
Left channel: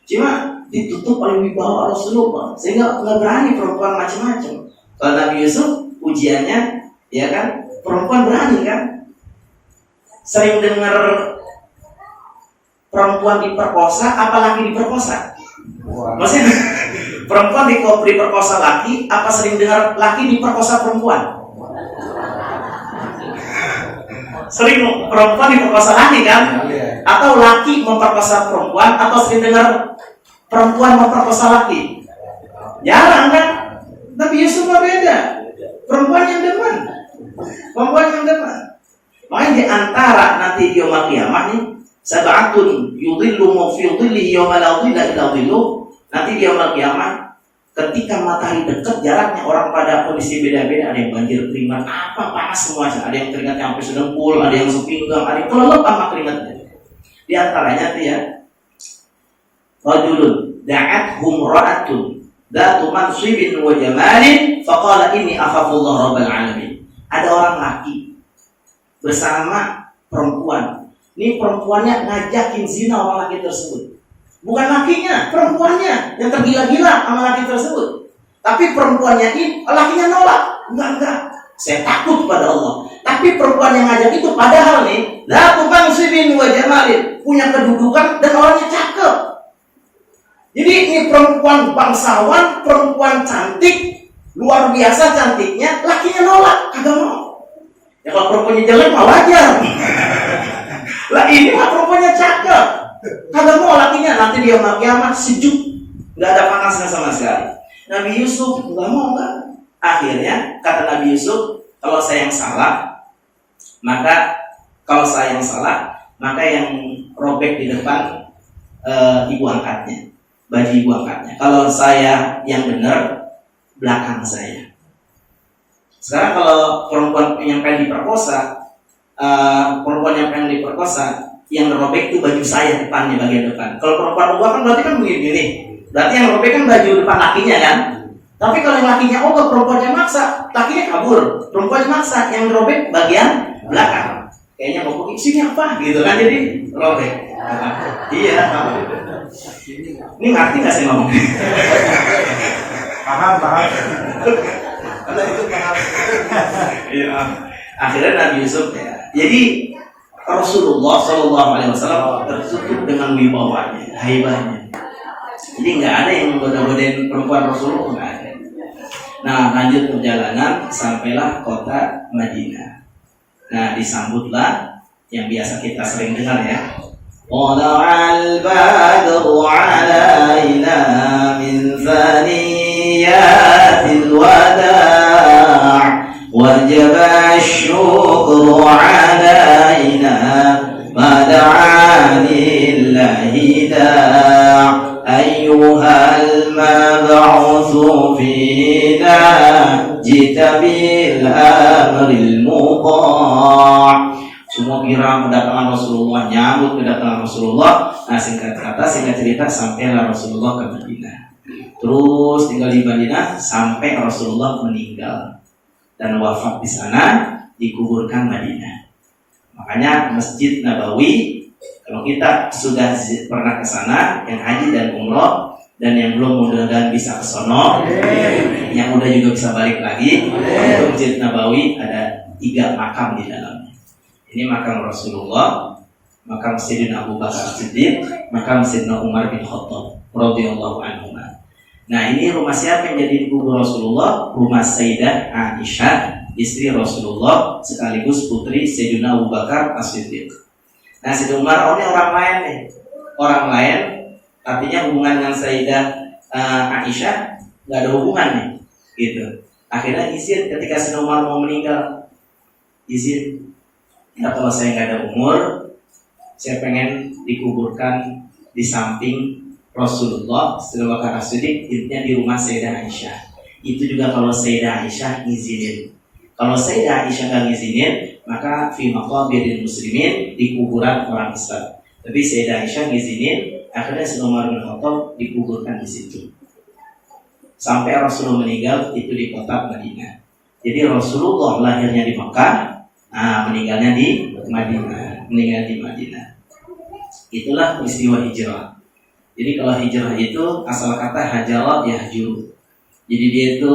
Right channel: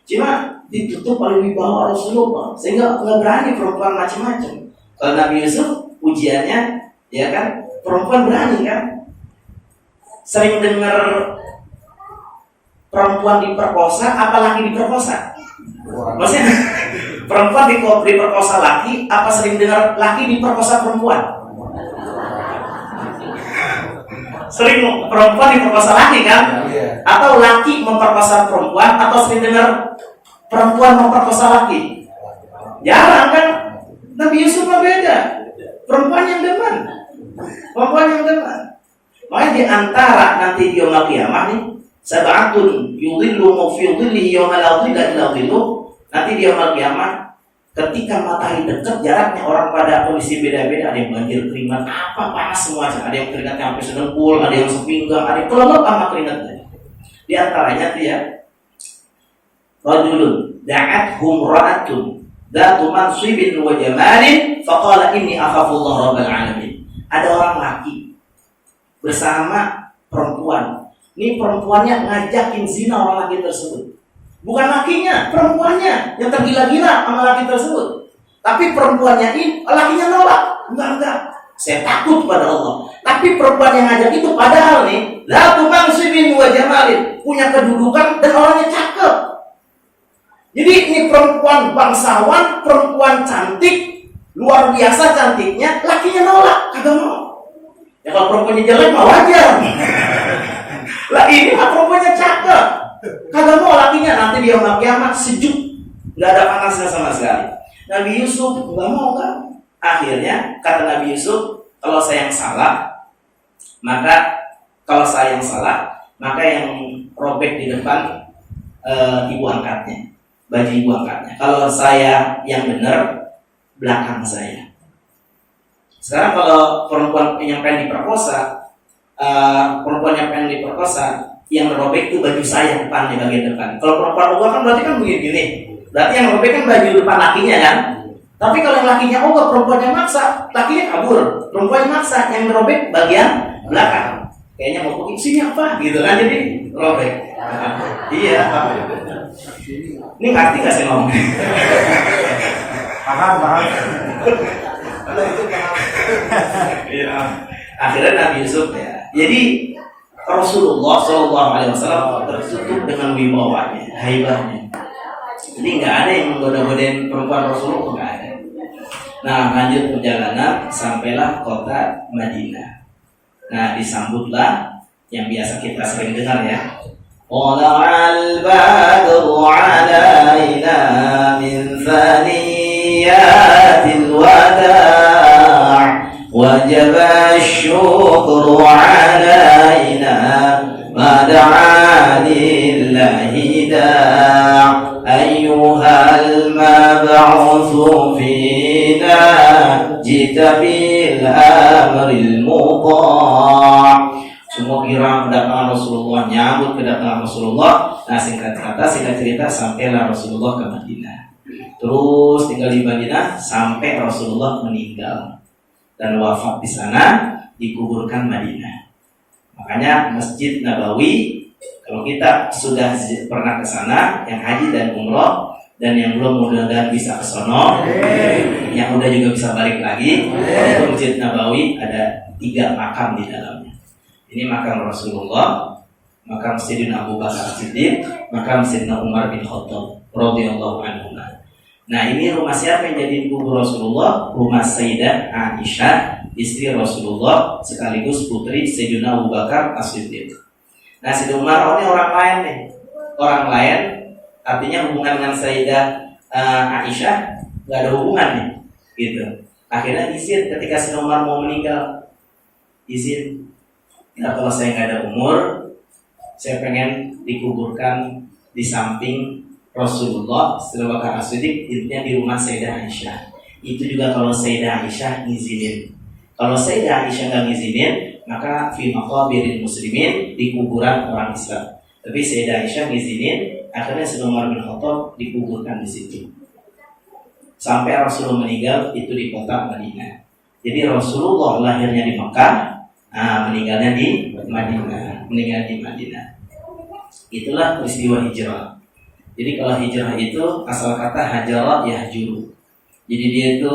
Cuma ditutup oleh wibawa Rasulullah sehingga nggak berani perempuan macam-macam. Kalau Nabi Yusuf ujiannya, ya kan, perempuan berani kan. Sering dengar perempuan diperkosa, apalagi diperkosa. Maksudnya perempuan diperkosa laki, apa sering dengar laki diperkosa perempuan? Sering perempuan diperkosa laki kan? Atau laki memperkosa perempuan, atau sering dengar perempuan memperkosa laki? Jarang kan? Nabi Yusuf beda. Perempuan yang demen. Makanya di antara nanti di yaumul qiyamah nih, sab'atun yudhilluhum fi dhillihi yauma la dhilla illa dhilluh. Nanti di yaumul qiyamah ketika matahari dekat, jaraknya orang pada kondisi beda-beda. Ada yang banjir keringat, panas semua. Ada yang keringatnya sampai sedengkul, ada yang sepinggang, ada yang kelelep sama keringatnya. Di antaranya dia rajulun da'athum ra'atun dzatu mansibin wa jamalin faqala inni akhafullah rabbal alamin. Ada orang laki bersama perempuan. Ini perempuannya ngajakin zina orang laki tersebut. Bukan lakinya, perempuannya yang tergila-gila sama laki tersebut. Tapi perempuannya ini, lakinya nolak. Enggak. Saya takut pada Allah. Tapi perempuan yang ngajak itu padahal nih, dzatu mansibin wa jamalin, punya kedudukan dan orangnya cakep. Jadi ini perempuan bangsawan, perempuan cantik, luar biasa cantiknya, lakinya nolak, kagak mau. Ya kalau perempuannya jelek mah wajar. Lah ini mah perempuannya cakep, kagak mau lakinya. Nanti dia yaumul qiyamah sejuk, nggak ada panasnya sama sekali. Nabi Yusuf nggak mau kan? Akhirnya kata Nabi Yusuf, kalau saya yang salah, maka yang robek di depan ibu angkatnya, baju ibu angkatnya. Kalau saya yang benar, belakang saya. Sekarang kalau perempuan yang pengen diperkosa, yang robek itu baju saya depannya, bagian depan. Kalau perempuan ogah kan berarti kan begini. Berarti yang robek kan baju depan lakinya kan. Tapi kalau yang lakinya ogah, perempuannya maksa, lakinya kabur. Perempuannya maksa, yang robek bagian belakang. Kayaknya mau pergi sini apa gitu kan, jadi robek. Iya. Ini ngerti nggak sih ngomong? Paham. Iya. Akhirnya Nabi Yusuf ya. Jadi Rasulullah SAW tertutup dengan wibawanya, haibahnya. Jadi nggak ada yang menggoda-godain perempuan Rasulullah, nggak ada. Nah, lanjut perjalanan sampailah kota Madinah. Nah, disambutlah yang biasa kita sering dengar ya. Tala'al badru 'alaina min thaniyatil wada'. وجب الشكر علينا ما دعا لله داع أيها المبعوث فينا جئت بالأمر المطاع. Semua kira kedatangan Rasulullah, nyambut kedatangan Rasulullah. Nah, singkat cerita sampailah Rasulullah ke Madinah. Terus tinggal di Madinah sampai Rasulullah meninggal dan wafat di sana, dikuburkan Madinah. Makanya Masjid Nabawi, kalau kita sudah pernah ke sana, yang haji dan umroh, dan yang belum mudah-mudahan bisa ke sono, yang udah juga bisa balik lagi. Untuk Masjid Nabawi ada 3 makam di dalamnya. Ini makam Rasulullah, makam Sayyidina Abu Bakar As-Siddiq, makam Sayyidina Umar bin Khattab radhiyallahu anhu. Nah, ini rumah siapa yang jadi kubur Rasulullah? Rumah Sayyidah Aisyah, istri Rasulullah sekaligus putri Sayyidina Abu Bakar As-Siddiq. Nah, Sayyidina Umar ini orang lain nih. Orang lain artinya hubungan dengan Sayyidah Aisyah nggak ada hubungannya, gitu. Akhirnya izin ketika Sayyidina Umar mau meninggal, izin. Ya, kalau saya nggak ada umur, saya pengen dikuburkan di samping Rasulullah Abu Bakar As-Siddiq, intinya di rumah Sayyidah Aisyah. Itu juga kalau Sayyidah Aisyah ngizinin. Kalau Sayyidah Aisyah nggak ngizinin, maka fi maqabiril muslimin, di kuburan orang Islam. Tapi Sayyidah Aisyah ngizinin, akhirnya Sayyidina Umar bin Khattab dikuburkan di situ. Sampai Rasulullah meninggal itu di kota Madinah. Jadi Rasulullah lahirnya di Mekah. Nah, meninggalnya di Madinah, meninggal di Madinah. Itulah peristiwa hijrah. Jadi kalau hijrah itu asal kata hajara yahjuru. Jadi dia itu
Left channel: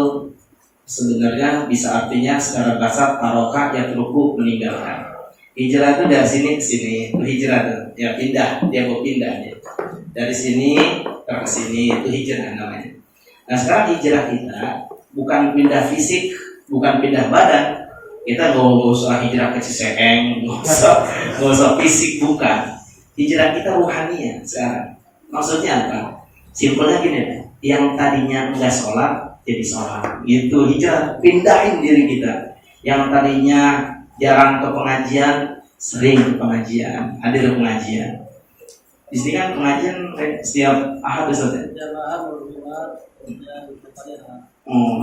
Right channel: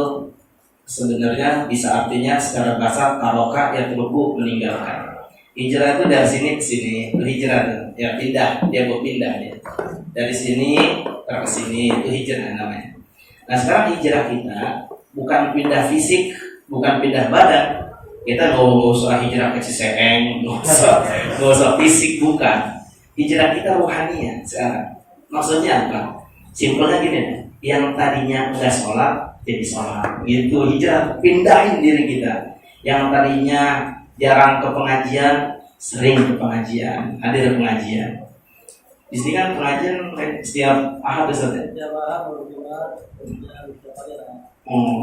sebenarnya bisa artinya secara bahasa taroka yatruku, meninggalkan. Hijrah itu dari sini ke sini, itu hijrah tuh, ya pindah, dia mau pindah ya. Dari sini ke sini itu hijrah namanya. Nah sekarang hijrah kita bukan pindah fisik, bukan pindah badan. Kita nggak usah hijrah ke Ciseeng, nggak usah fisik, bukan. Hijrah kita ruhaniah sekarang. Maksudnya apa? Simpelnya gini, yang tadinya nggak sholat jadi sholat. Gitu hijrah, pindahin diri kita. Yang tadinya jarang ke pengajian, sering ke pengajian, hadir pengajian. Di sini kan pengajian setiap Ahad biasanya.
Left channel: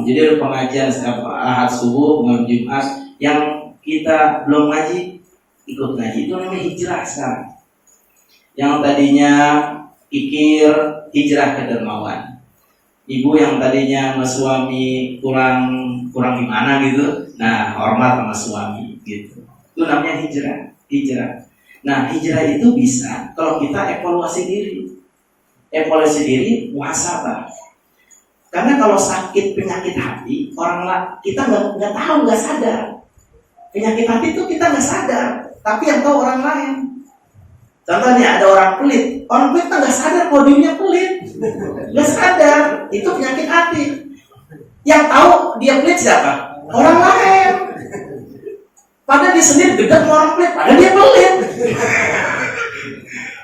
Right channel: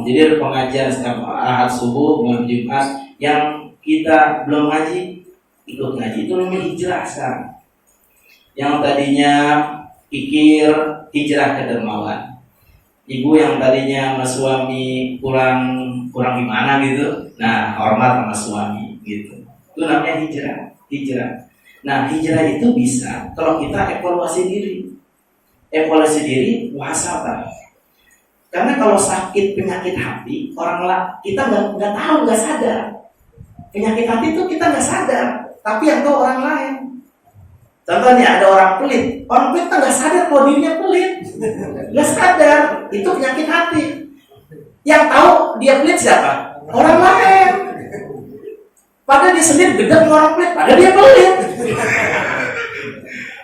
Jadi ada pengajian setiap Ahad subuh, malam Jumat. Yang kita belum ngaji, ikut ngaji, itu namanya hijrah sekarang. Yang tadinya pikir, hijrah ke dermawan. Ibu yang tadinya sama suami kurang gimana gitu, nah hormat sama suami gitu. Itu namanya hijrah. Nah hijrah itu bisa kalau kita evaluasi diri, muhasabah. Karena kalau sakit penyakit hati, kita nggak tahu, nggak sadar. Penyakit hati itu kita nggak sadar, tapi yang tahu orang lain. Contohnya ada orang pelit kan nggak sadar kalau dirinya pelit, nggak sadar itu penyakit hati. Yang tahu dia pelit siapa? Orang lain. Padahal dia sendiri gedang orang pelit, padahal dia pelit.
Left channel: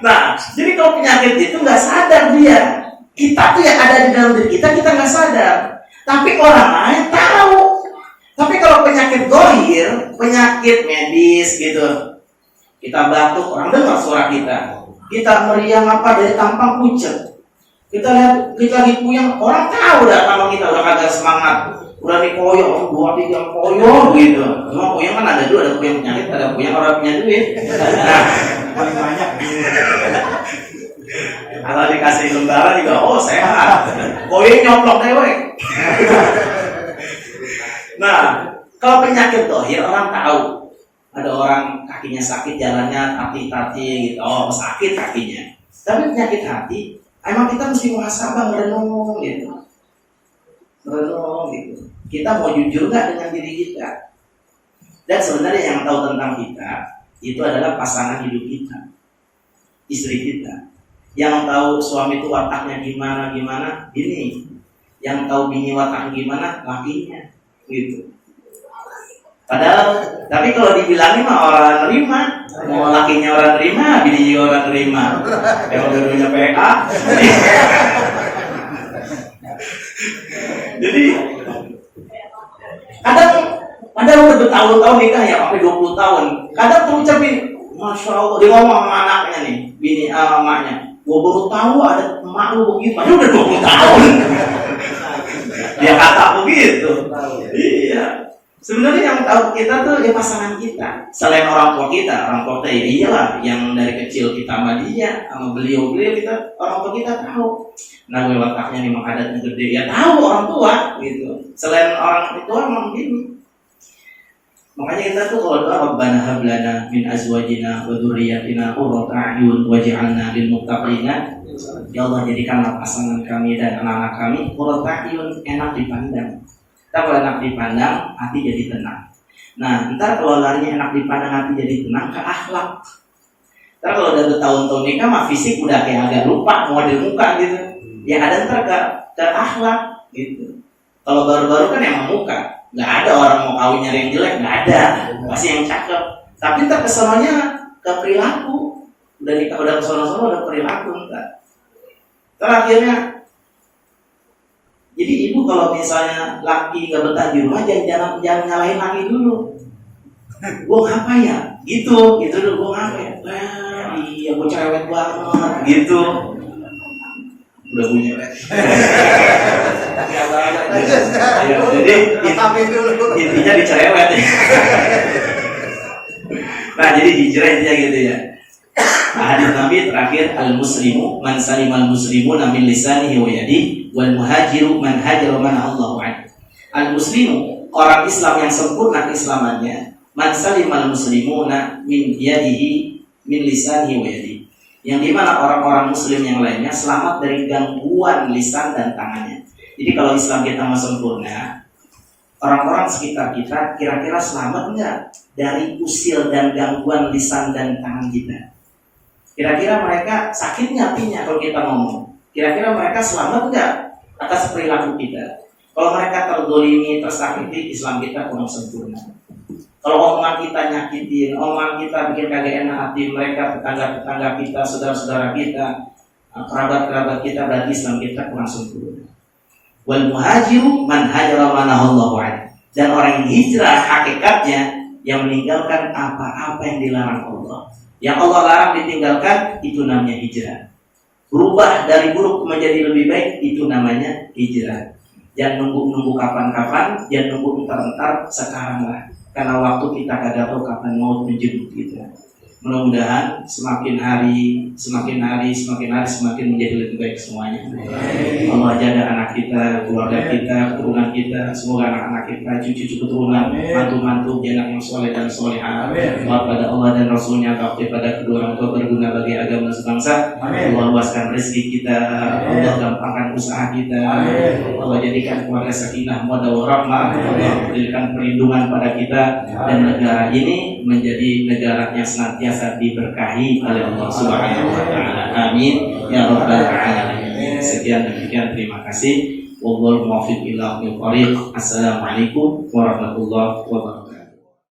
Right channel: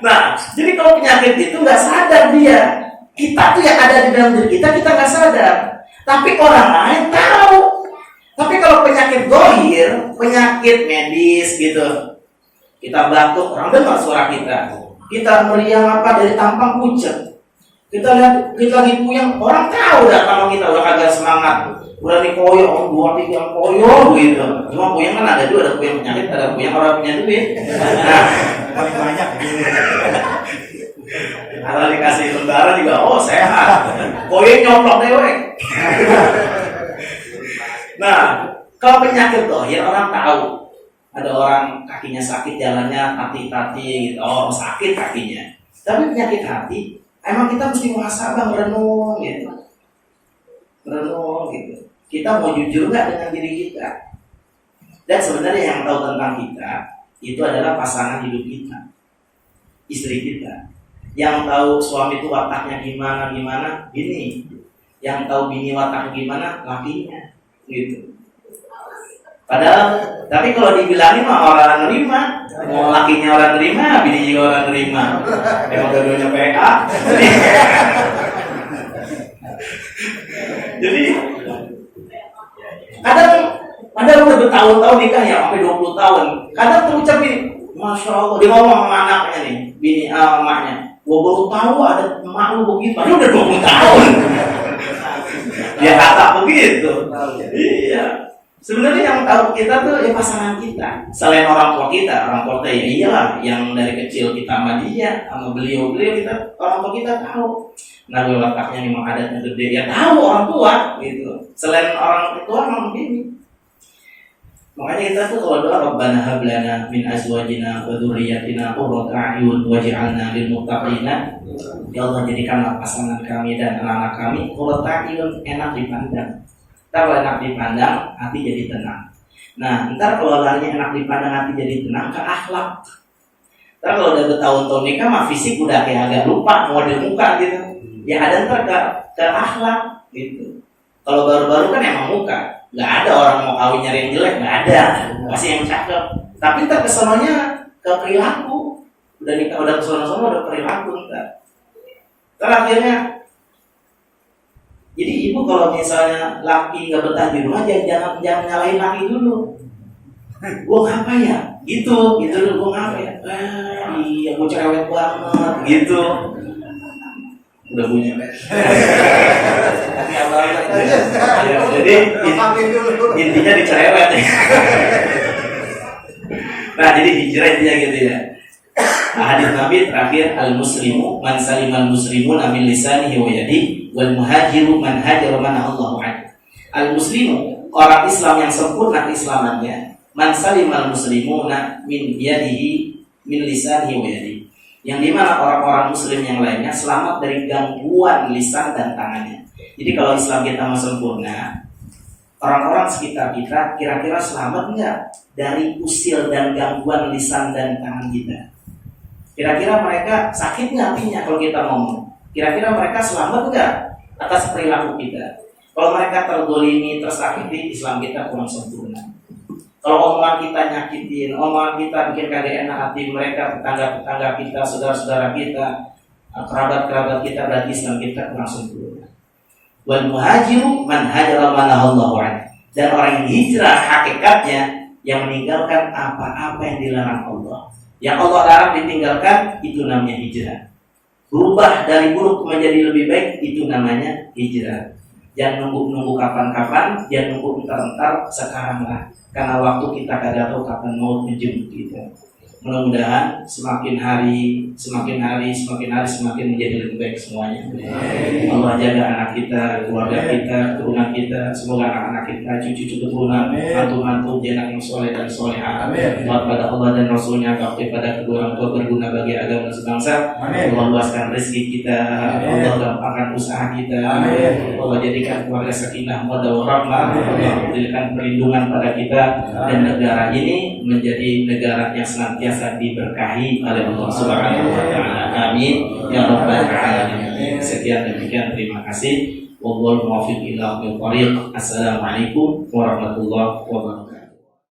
Nah, jadi kalau penyakit itu nggak sadar dia. Kita tuh yang ada di dalam diri kita nggak sadar, tapi orang lain tahu. Tapi kalau penyakit gohir, penyakit medis gitu, kita batuk, orang dengar suara kita. Kita meriang apa dari tampang pucat. Kita lihat kita lagi puyeng, orang tahu dah kalau kita udah agak semangat, udah dikoyok, 2-3 koyok gitu. Cuma puyeng kan ada dua, ada puyeng penyakit, ada puyeng orang punya duit. Banyak. Kalau dikasih lembaran juga, oh sehat. Koyok nyoplok dewek. Nah, kalau penyakit dohir orang tahu. Ada orang kakinya sakit, jalannya tati-tati gitu. Oh, sakit kakinya. Tapi penyakit hati, emang kita mesti muhasabah, merenung gitu. Kita mau jujur nggak dengan diri kita? Dan sebenarnya yang tahu tentang kita itu adalah pasangan hidup kita, istri kita. Yang tahu suami itu wataknya gimana, ini. Yang tahu bini wataknya gimana, lakinya. Gitu. Padahal, tapi kalau dibilangin mah orang nerima, mau lakinya orang nerima, bini juga orang nerima. Kalau dua-duanya PK. Jadi kadang udah bertahun-tahun nikah ya, sampai 20 tahun. Kadang terucap ini, Masya Allah, dia ngomong sama anaknya nih, bini emaknya. Gua baru tahu ada emak lu begitu, padahal udah 20 tahun. Dia kata begitu. Iya. Sebenarnya yang tahu kita tuh ya pasangan kita. Selain orang tua kita ya iyalah yang dari kecil kita sama dia, sama beliau kita, orang tua kita tahu. Nah, wataknya memang adatnya gede, ya tahu orang tua gitu. Selain orang tua memang begini. Makanya kita tuh kalau doa Rabbana hab lana min azwajina wa dzurriyyatina qurrata a'yun waj'alna lil muttaqina. Ya Allah, jadikanlah pasangan kami dan anak-anak kami qurrata a'yun, enak dipandang. Kalau enak dipandang, hati jadi tenang. Nah, ntar kalau larinya enak dipandang, hati jadi tenang, ke akhlak. Ntar kalau udah bertahun-tahun nikah, mah fisik udah kayak agak lupa, mau di muka gitu. Ya ada ntar ke akhlak gitu. Kalau baru-baru kan emang muka. Nggak ada orang mau kawin nyari yang jelek, nggak ada. Pasti yang cakep. Tapi ntar kesononya ke perilaku. Udah nikah, udah kesono-sono, udah perilaku ntar. Terakhirnya, jadi ibu kalau misalnya laki nggak betah di rumah, jangan nyalahin laki dulu. Gue ngapa ya? Gitu dulu, gue ngapa ya? Iya, gue cerewet banget, gitu. Udah bunyi. Jadi intinya dicerewet ya. Nah, jadi hijrah intinya gitu ya. Hadis Nabi terakhir, al-muslimu man salimal muslimuna min lisanihi wa yadihi wal muhajiru man hajara man Allahu anhu. Al-muslimu, orang Islam yang sempurna keislamannya, man salimal muslimuna min yadihi min lisanihi wa yadihi, yang dimana orang-orang muslim yang lainnya selamat dari gangguan lisan dan tangannya. Jadi kalau Islam kita mau sempurna, orang-orang sekitar kita kira-kira selamat enggak dari usil dan gangguan lisan dan tangan kita? Kira-kira mereka sakit nggak hatinya kalau kita ngomong? Kira-kira mereka selamat enggak atas perilaku kita? Kalau mereka terdolimi, tersakiti, Islam kita kurang sempurna. Kalau omongan kita nyakitin, omongan kita bikin kagak enak hati mereka, tetangga-tetangga kita, saudara-saudara kita, kerabat-kerabat kita, berarti Islam kita kurang sempurna. Wal muhajiru man hajara manahallahu anhu. Dan orang yang hijrah hakikatnya yang meninggalkan apa-apa yang dilarang Allah. Yang Allah larang ditinggalkan, itu namanya hijrah. Berubah dari buruk menjadi lebih baik, itu namanya hijrah. Jangan nunggu kapan-kapan, jangan nunggu entar-entar, sekarang lah. Karena waktu kita kagak tahu kapan maut menjemput kita. Mudah-mudahan semakin hari semakin menjadi lebih baik semuanya. Allah jaga anak kita, keluarga kita, keturunan kita, semoga anak-anak kita, cucu-cucu keturunan, mantu-mantu, anak yang soleh dan solehah. Taat pada Allah dan Rasulnya, bakti pada kedua orang tua, berguna bagi agama dan sebangsa. Allah luaskan rezeki kita, Allah gampangkan usaha kita, Allah jadikan keluarga sakinah, mawaddah warahmah, Allah jadikan perlindungan pada kita, dan negara ini menjadi negara yang senantiasa diberkahi oleh Allah Subhanahu wa taala. Amin ya rabbal alamin. Sekian demikian, terima kasih. Wallahul muwaffiq ila aqwamit thoriq. Assalamualaikum warahmatullahi wabarakatuh.